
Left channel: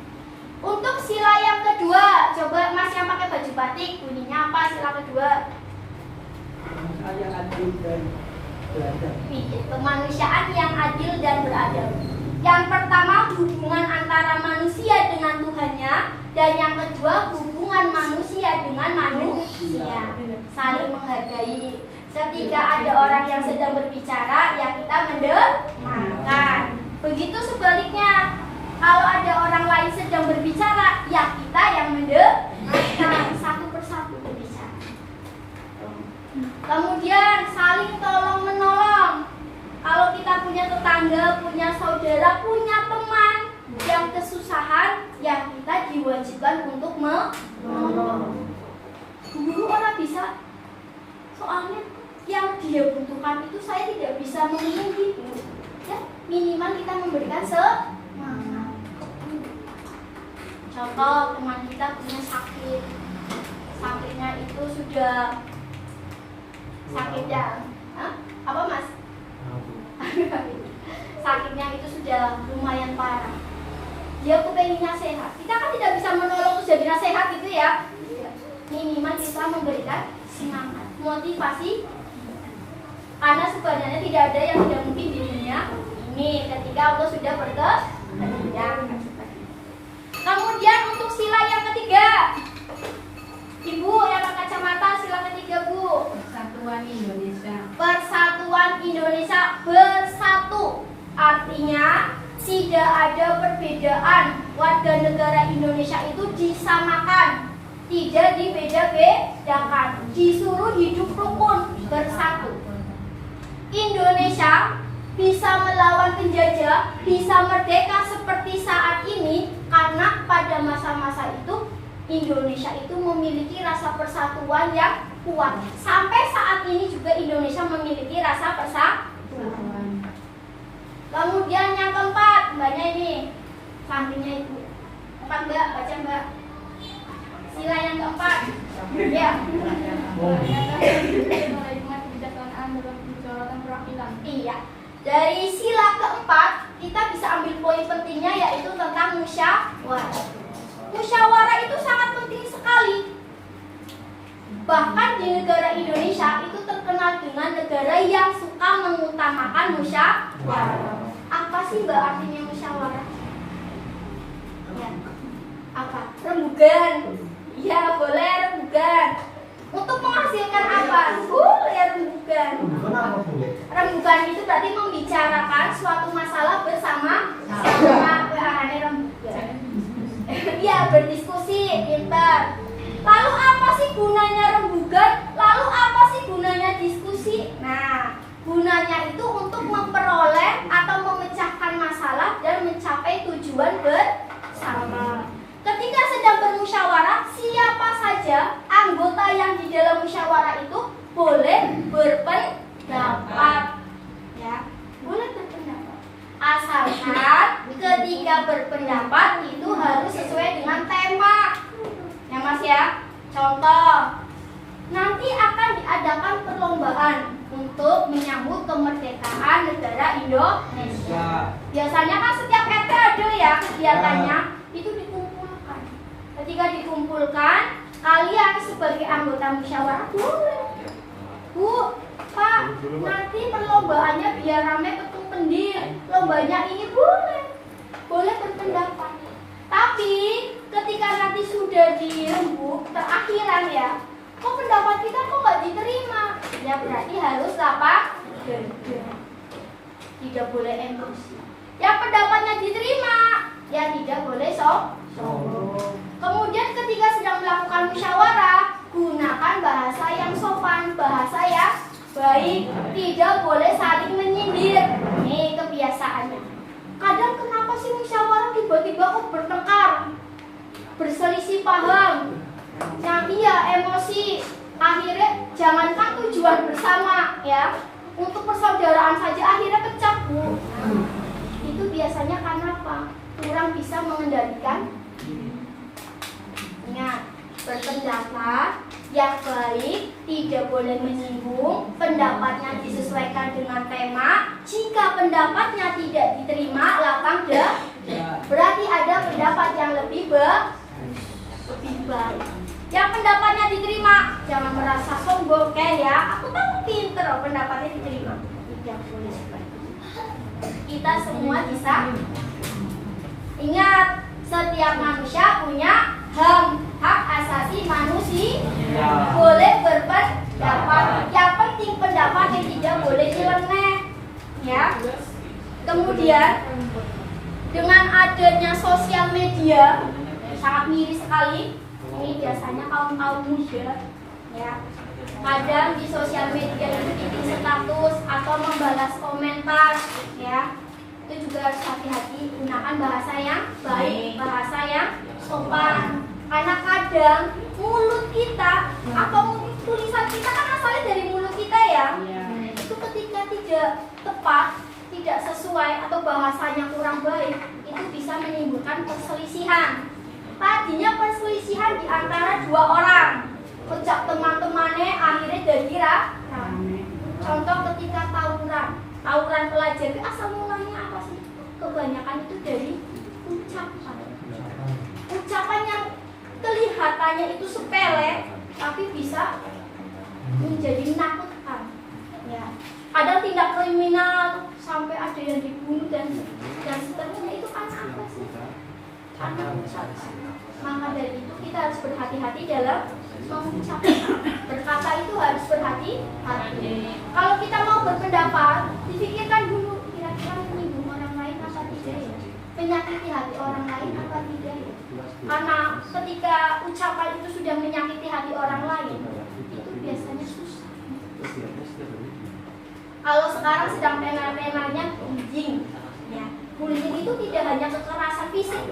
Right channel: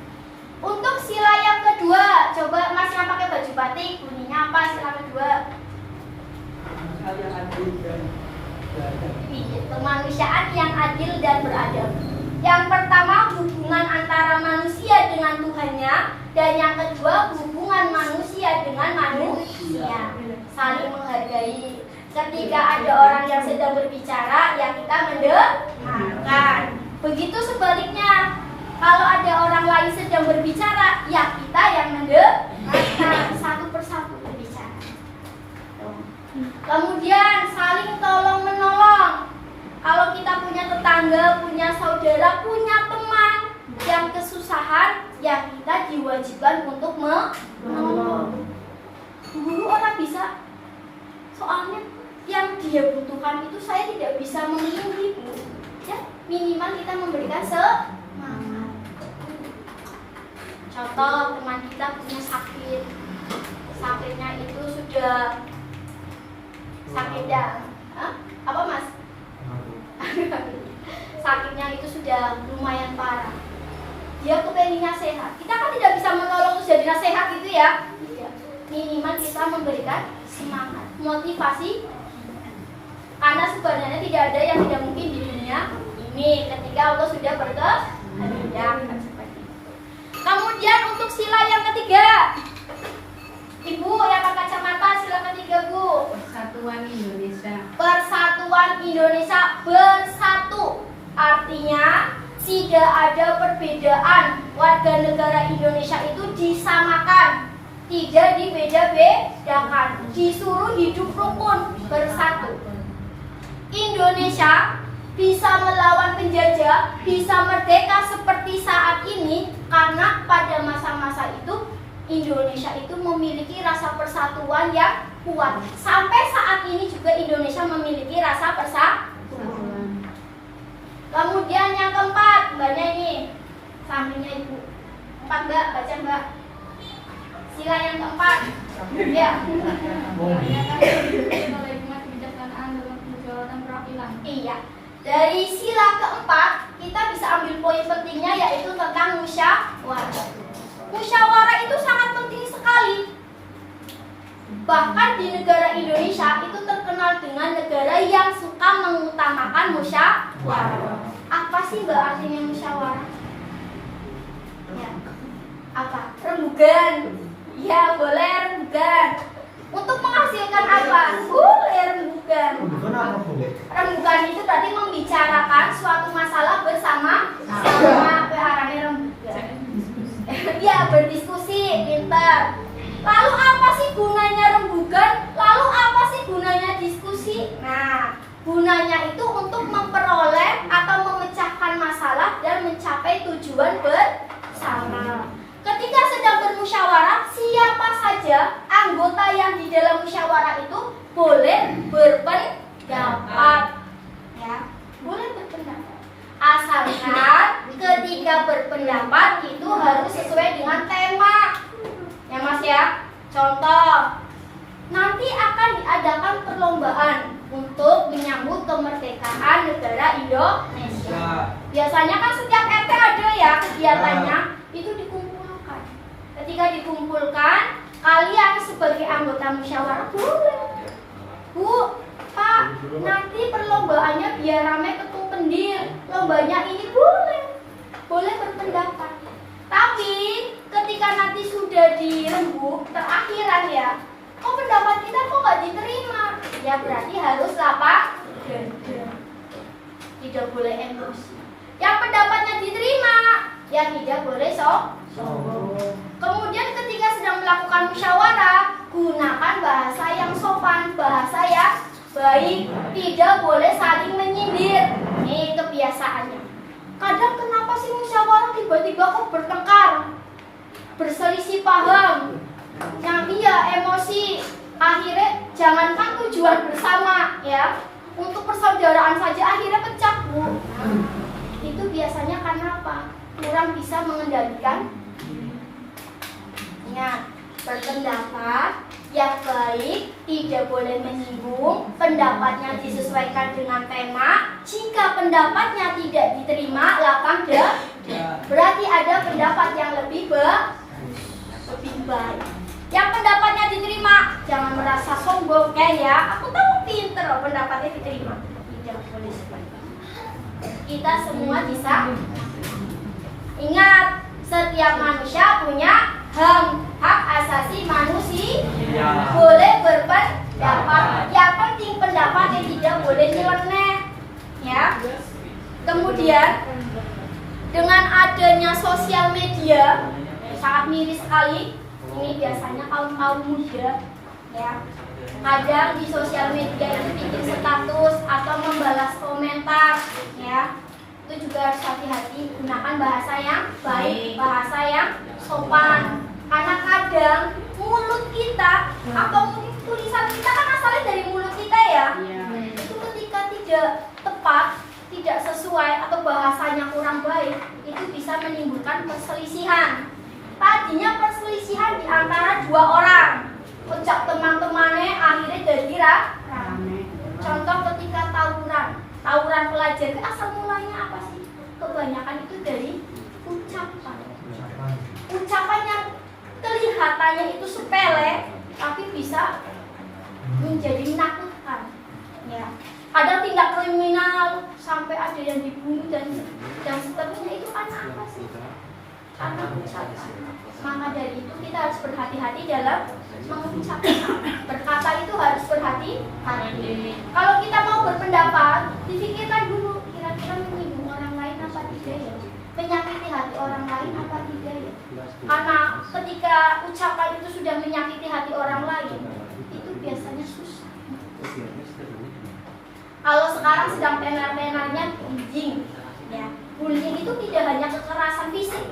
Untuk sila yang kedua, coba Mas yang pakai baju batik, bunyinya apa sila kedua? Saya adil dan beradab. Kemanusiaan yang adil dan beradab. Yang pertama hubungan antara manusia dengan Tuhannya, dan yang kedua hubungan manusia dengan manusia, saling menghargai. Ketika ada orang yang sedang berbicara, ya kita mendengarkan. Begitu sebaliknya, kalau ada orang lain sedang berbicara, ya kita yang mendengarkan, satu persatu berbicara. Kemudian saling tolong menolong. Kalau kita punya tetangga, punya saudara, punya teman yang kesusahan, yang kita diwajibkan untuk menolong. Guru orang bisa, soalnya yang dia butuhkan itu saya tidak bisa memenuhi, ya minimal kita memberikan semangat. Contoh, teman kita punya sakit, sakitnya itu sudah sakitnya, apa mas? Sakitnya itu sudah lumayan parah. Dia kepengennya sehat. Kita kan tidak bisa menolong terus jadinya sehat gitu ya. Minimal kita memberikan semangat, motivasi. Karena sebenarnya tidak ada yang tidak mungkin di dunia ini ketika Allah sudah berkehendak. Kemudian untuk sila yang ketiga, Ibu yang pakai kacamata, sila ketiga Bu. Persatuan Indonesia. Persatuan Indonesia bersatu. Artinya tidak ada perbedaan. Warga negara Indonesia itu disamakan, tidak dibeda-bedakan, disuruh hidup rukun bersatu. Indonesia bisa melawan penjajah, bisa merdeka seperti saat ini karena pada masa-masa itu Indonesia itu memiliki rasa persatuan yang kuat. Sampai saat ini juga Indonesia memiliki rasa persatuan. Kemudian yang keempat, mbaknya ini, sampingnya Ibu. 4 Mbak, baca Mbak. Sila yang keempat. Ya. Iya. Dari sila keempat, kita bisa ambil poin pentingnya yaitu tentang musyawarah. Musyawarah itu sangat penting sekali. Bahkan di negara Indonesia itu terkenal dengan negara yang suka mengutamakan musyawarah. Apa sih Mbak artinya musyawarah? Ya. Apa? Rembugan. Ya, boleh rembugan. Untuk menghasilkan apa? Boleh rembugan. Bukan apa Bu? Rembugan itu berarti membicarakan suatu masalah bersama sama arahnya rembugan. Ya, berdiskusi, pintar. Lalu apa sih gunanya rembugan? Lalu apa sih gunanya diskusi? Nah, gunanya itu untuk memperoleh atau memecahkan masalah dan mencapai tujuan bersama. Ketika sedang bermusyawarah, siapa saja anggota yang di dalam musyawarah itu boleh berpendapat, ya, boleh berpendapat. Asalkan ketika berpendapat itu harus sesuai dengan tema, ya Mas ya. Contoh, nanti akan diadakan perlombaan untuk menyambut kemerdekaan negara Indonesia. Biasanya kan setiap RT ada ya kegiatannya, itu dikumpulkan. Ketika dikumpulkan, kalian sebagai anggota musyawarah boleh, Bu, Pak, nanti perlombaannya biar rame ketuk kendir, lombanya ini boleh berpendapat. Tapi ketika nanti sudah dirembuk terakhiran ya, kok pendapat kita kok nggak diterima? Ya berarti harus lapang dada, tidak boleh emosi. Yang pendapatnya diterima, ya tidak boleh Kemudian ketika sedang melakukan musyawarah, gunakan bahasa yang sopan, bahasa yang baik, tidak boleh saling menyindir. Ini kebiasaannya. Kadang kenapa sih musyawarah tiba-tiba kok bertengkar, berselisih paham, yang iya emosi, akhirnya jangankan tujuan bersama ya, untuk persaudaraan saja akhirnya pecah Bu. Itu biasanya karena apa? Kurang bisa mengendalikan. Ingat, berpendapat yang baik, tidak boleh menyinggung, pendapatnya disesuaikan dengan tema. Jika pendapatnya tidak diterima, lapang dada. Berarti ada pendapat yang lebih baik. Yang pendapatnya diterima, jangan merasa sombong kayak ya, aku tahu pinter loh pendapatnya diterima. Tidak boleh seperti itu. kita semua bisa. Ingat, setiap manusia punya hak asasi manusia, boleh berpendapat. Yang penting pendapat yang tidak boleh nyeleneh, ya. Kemudian dengan adanya sosial media sangat miris sekali. Ini biasanya kaum muda, ya. Kadang di sosial media itu bikin status atau membalas komentar, ya. Itu juga harus hati-hati, gunakan bahasa yang baik, bahasa yang sopan. Karena kadang mulut kita atau tulisan kita kan asalnya dari mulut kita, ya. Itu ketika tidak tepat, tidak sesuai atau bahasanya kurang baik, itu bisa menimbulkan perselisihan. Tadinya perselisihan di antara dua orang, sejak teman-temannya akhirnya jadi rame. Contoh ketika tawuran pelajar, asal mulanya apa sih? Kebanyakan itu dari ucapan yang kelihatannya itu sepele, tapi bisa menjadi menakutkan, ya. Kadang tindak kriminal sampai ada yang dibunuh dan seterusnya, itu karena apa sih? Karena ucapan. Maka dari itu kita harus berhati-hati dalam mengucapkan. Berkata itu harus berhati-hati. Kalau kita mau berpendapat, dipikirkan dulu kira-kira menyinggung orang lain apa tidak, ya, menyakiti hati orang lain apa tidak, ya. Karena ketika ucapan itu sudah menyakiti hati orang lain, itu biasanya susah. Kalau sekarang sedang tenar-tenarnya bullying, ya. Bullying itu tidak hanya kekerasan fisik,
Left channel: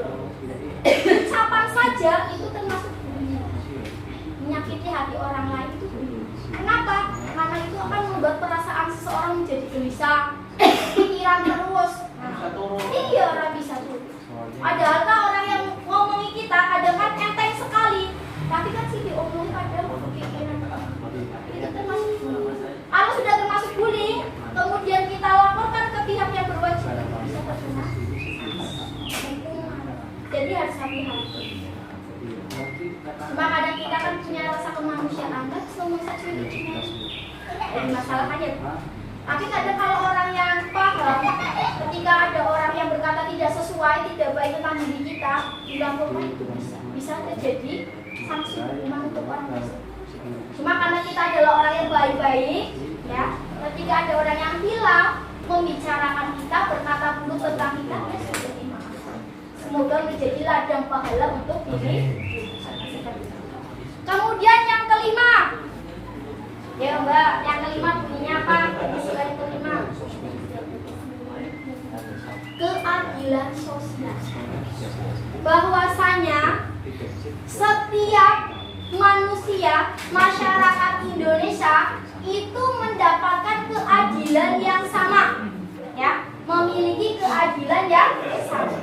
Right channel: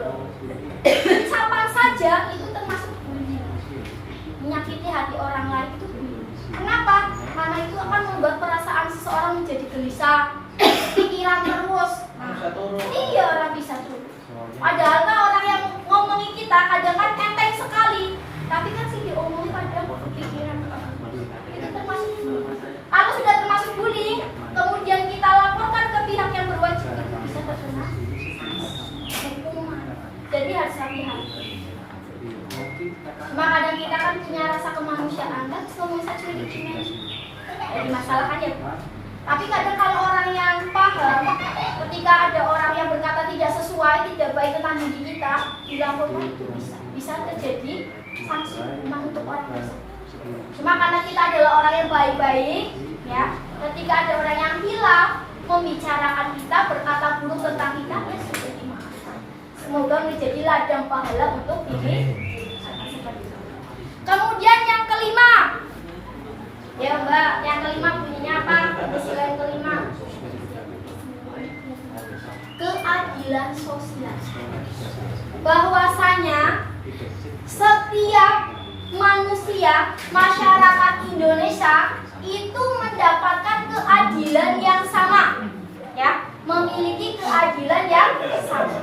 ucapan saja itu termasuk bullying. Menyakiti hati orang lain itu bullying. Kenapa? Karena itu akan membuat perasaan seseorang menjadi gelisah, pikiran terus. Iya, orang bisa tuh. Padahal kan orang yang ngomongi kita kadang kan enteng sekali, tapi kan sih diomongin kadang pikiran. Itu termasuk bullying. Kalau sudah termasuk bullying, kemudian kita laporkan ke pihak yang berwajib, bisa terkena. Jadi harus hati-hati. Cuma kadang kita kan punya rasa kemanusiaan, kan semua saya cuy jadi masalah kan, ya. Tapi kadang kalau orang yang paham, ketika ada orang yang berkata tidak sesuai, tidak baik tentang diri kita, bilang bahwa itu bisa terjadi sanksi hukuman untuk orang tersebut. Cuma karena kita adalah orang yang baik-baik, ya, ketika ada orang yang hilang membicarakan kita, berkata buruk tentang kita, ya sudah dimaafkan. Semoga menjadi ladang pahala untuk diri. Kemudian yang kelima, ya Mbak, yang kelima bunyinya apa? Yang kelima, keadilan sosial. Bahwasanya setiap manusia, masyarakat Indonesia itu mendapatkan keadilan yang sama, ya, memiliki keadilan yang sama,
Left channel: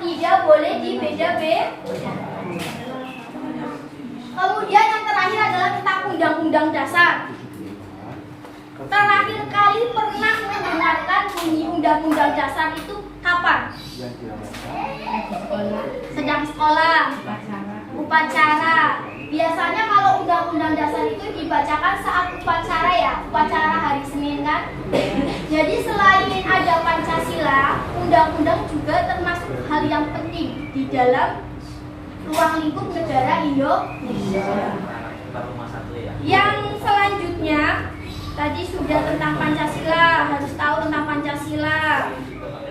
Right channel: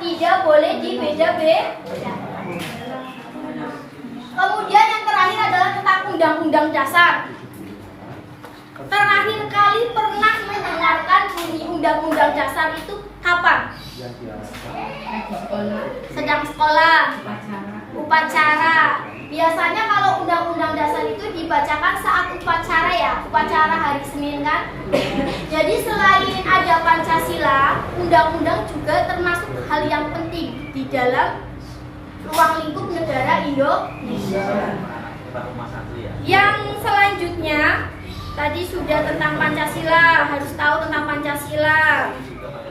tidak boleh dibeda-beda. Kemudian yang terakhir adalah tentang Undang-Undang Dasar. Terakhir kali pernah mendengarkan bunyi Undang-Undang Dasar itu kapan? Sedang sekolah, upacara. Biasanya kalau Undang-Undang Dasar itu dibacakan saat upacara, ya, upacara hari Senin kan. Jadi selain ada Pancasila, undang-undang juga termasuk hal yang penting di dalam ruang lingkup negara Indonesia. Yang selanjutnya tadi sudah tentang Pancasila, harus tahu tentang Pancasila.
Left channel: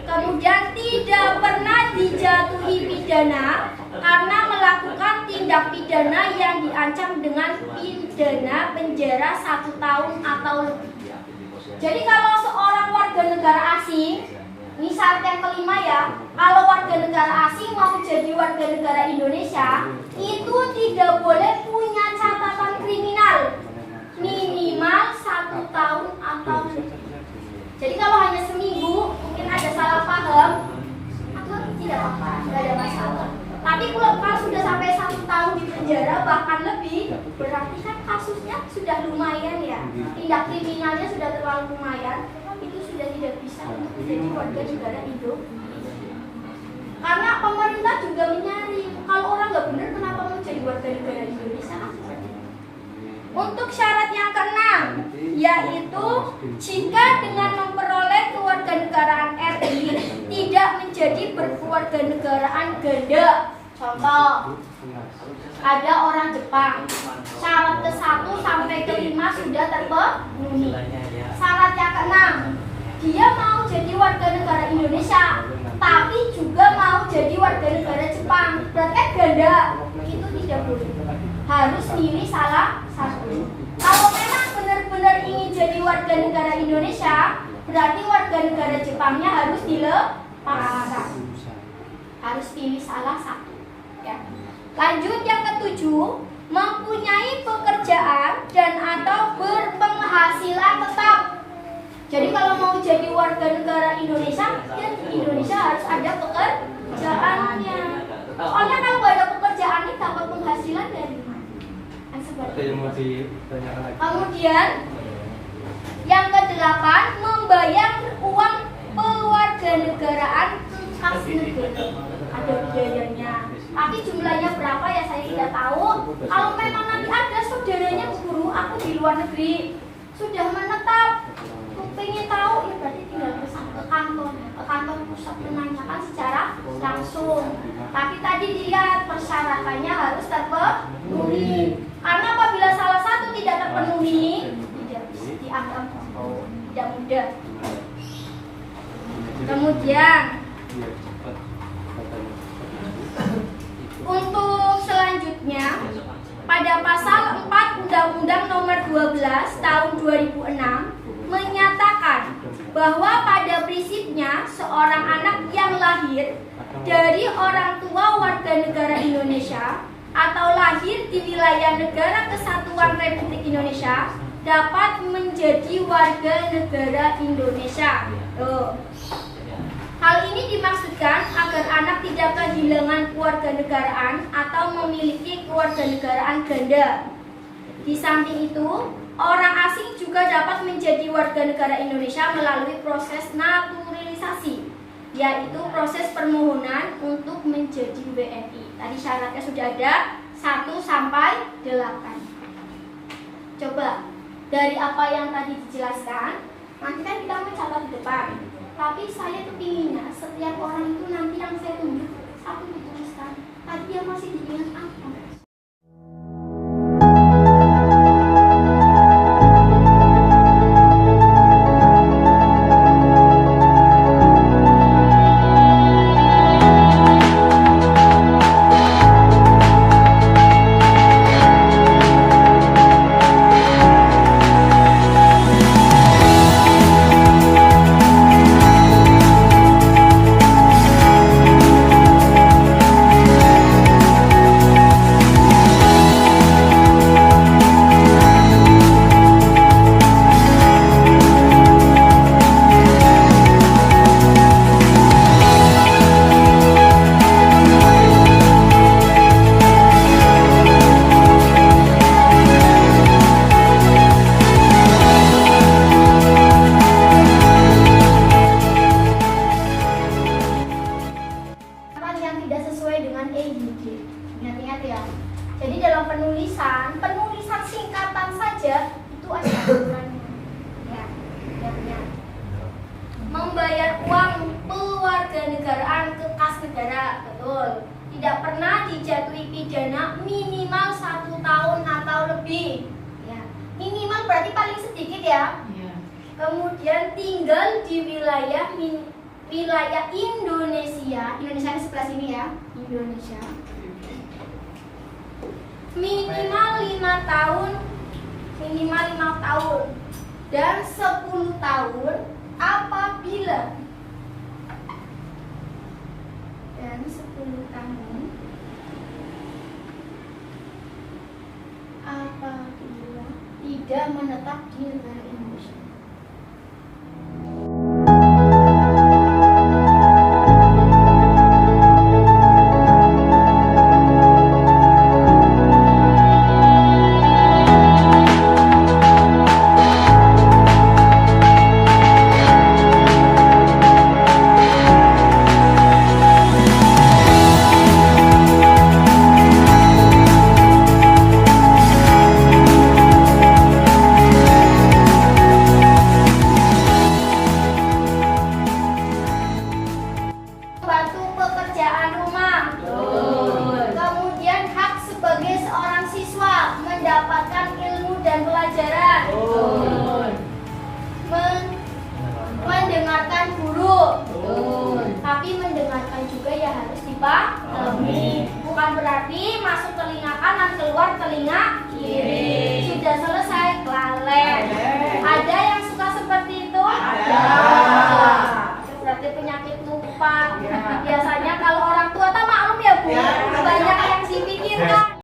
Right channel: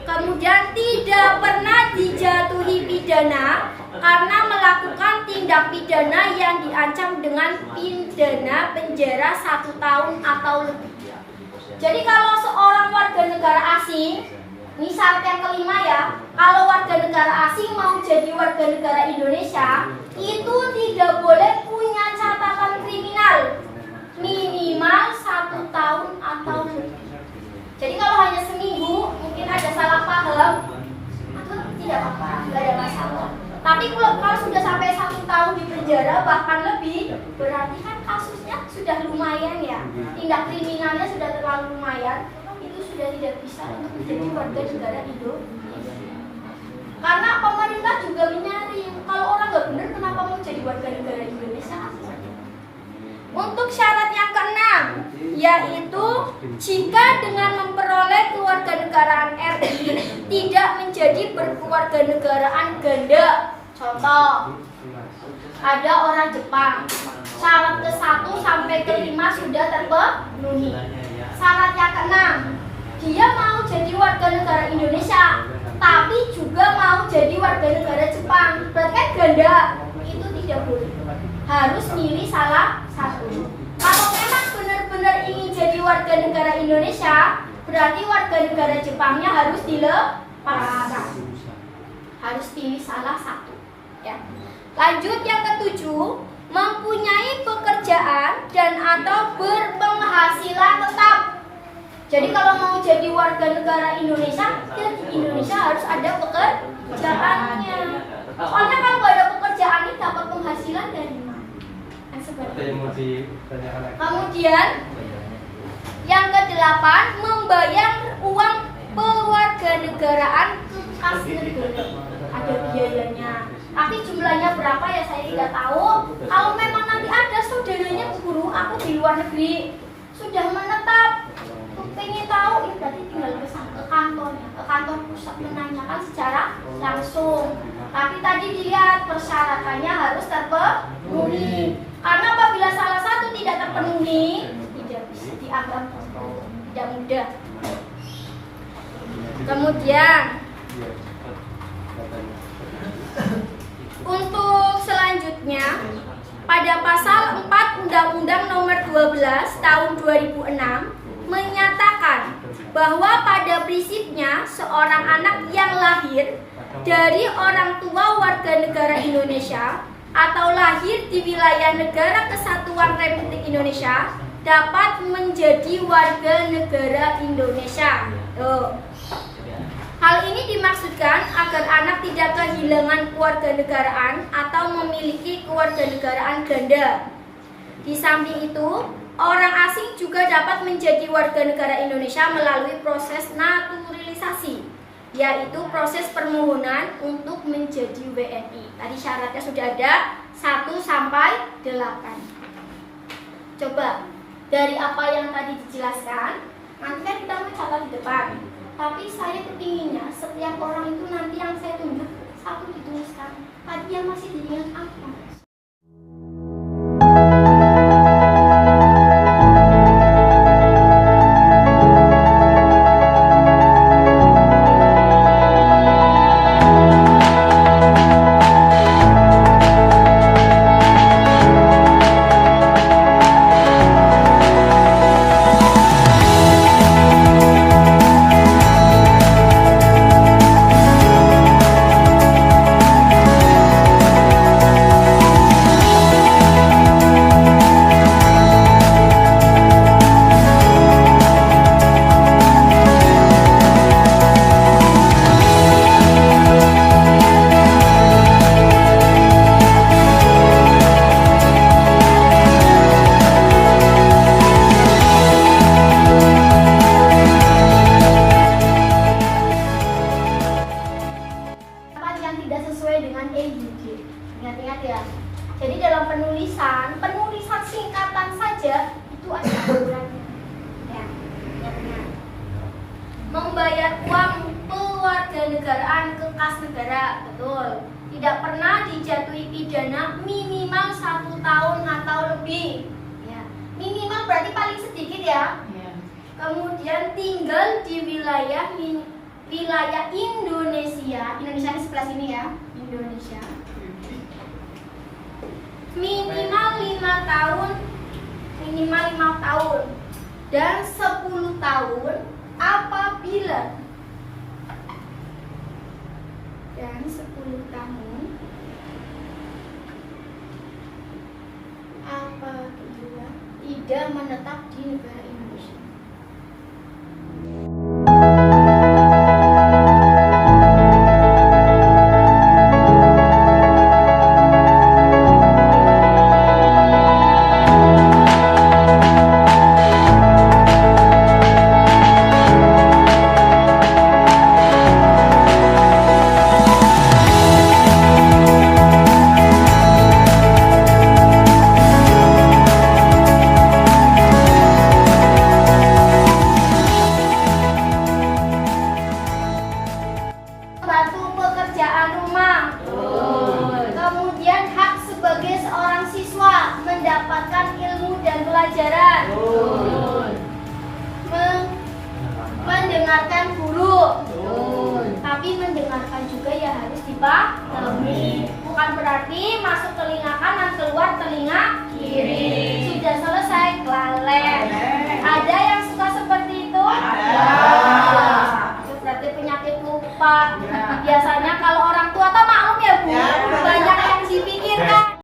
Kemudian tidak pernah dijatuhi pidana karena melakukan tindak pidana yang diancam dengan pidana penjara 1 tahun atau lebih. Jadi kalau seorang warga negara asing, ini syarat yang kelima, ya, kalau warga negara asing mau jadi warga negara Indonesia, itu tidak boleh punya catatan kriminal minimal 1 tahun atau lebih. Jadi kalau hanya seminggu, mungkin ada salah paham, itu tidak apa-apa, tidak ada masalah. Tapi kalau sudah sampai 1 tahun di penjara bahkan lebih, berarti kan kasusnya sudah lumayan, ya, tindak kriminalnya sudah terlalu lumayan, itu sudah tidak bisa menjadi warga negara Indonesia. Karena pemerintah juga menyari, kalau orang nggak benar kenapa mau jadi warga negara Indonesia? Untuk syarat yang keenam, yaitu jika dengan memperoleh keluarga kewarganegaraan RI tidak menjadi berkewarganegaraan ganda. Contoh, ada orang Jepang, syarat ke-1 sampai ke-5 sudah terpenuhi. Syarat yang ke-6, dia mau jadi warga negara Indonesia, tapi juga mau jadi warga negara Jepang. Berarti kan ganda, itu tidak boleh. Harus milih salah satu. Kalau memang benar-benar ingin jadi warga negara Indonesia, berarti warga negara Jepangnya harus dilepaskan. Harus pilih salah satu. Ya. Lanjut yang ke-7, mempunyai pekerjaan dan atau berpenghasilan tetap. Jadi kalau mau jadi warga negara Indonesia, ya Indonesia harus ada pekerjaannya. Soalnya kalau nggak ada pekerjaan, ini dapat penghasilan dari mana? Yang seperti kemudian yang ke-8, membayar uang kewarganegaraan kas negara. Ada biayanya. Tapi jumlahnya berapa ya saya tidak tahu. Kalau memang nanti ada saudaranya guru aku di luar negeri sudah menetap, pengen tahu ya berarti tinggal ke kantor pusat menanyakan secara langsung. Tapi tadi dilihat persyaratannya harus terpenuhi. Karena apabila salah satu tidak terpenuhi, tidak bisa dianggap tidak mudah. Kemudian untuk selanjutnya, pada pasal 4 Undang-Undang Nomor 12 Tahun 2006 menyatakan bahwa pada prinsipnya seorang anak yang lahir dari orang tua warga negara Indonesia atau lahir di wilayah Negara Kesatuan Republik Indonesia dapat menjadi warga negara Indonesia. Hal ini dimaksudkan agar anak tidak kehilangan kewarganegaraan atau memiliki kewarganegaraan ganda. Di samping itu, orang asing juga dapat menjadi warga negara Indonesia melalui proses naturalisasi, yaitu proses permohonan untuk menjadi WNI. Tadi syaratnya sudah ada 1 sampai 8. Coba dari apa yang tadi dijelaskan, nanti kan kita mencatat di depan. Tapi saya kepinginnya setiap orang itu nanti yang saya tunjuk satu dituliskan. Tadi yang masih diingat apa? Ingat-ingat ya. Jadi dalam penulisan singkatan saja itu ada aturannya. Ya, ingat-ingat. Membayar uang kewarganegaraan ke kas negara, betul. Tidak pernah dijatuhi pidana minimal 1 tahun atau lebih. Ya, minimal berarti paling sedikit ya. Kemudian tinggal di wilayah Indonesia. Indonesia di sebelah sini ya, Indonesia. Minimal 5 tahun dan 10 tahun apabila tidak menetap di negara Indonesia. pelajaran. Betul. Mendengarkan guru. Betul. Tapi mendengarkan juga ya harus dipahami. Bukan berarti masuk telinga kanan keluar telinga kiri. Sudah selesai lalai. Ada yang suka seperti itu? Ada. Itu berarti penyakit lupa.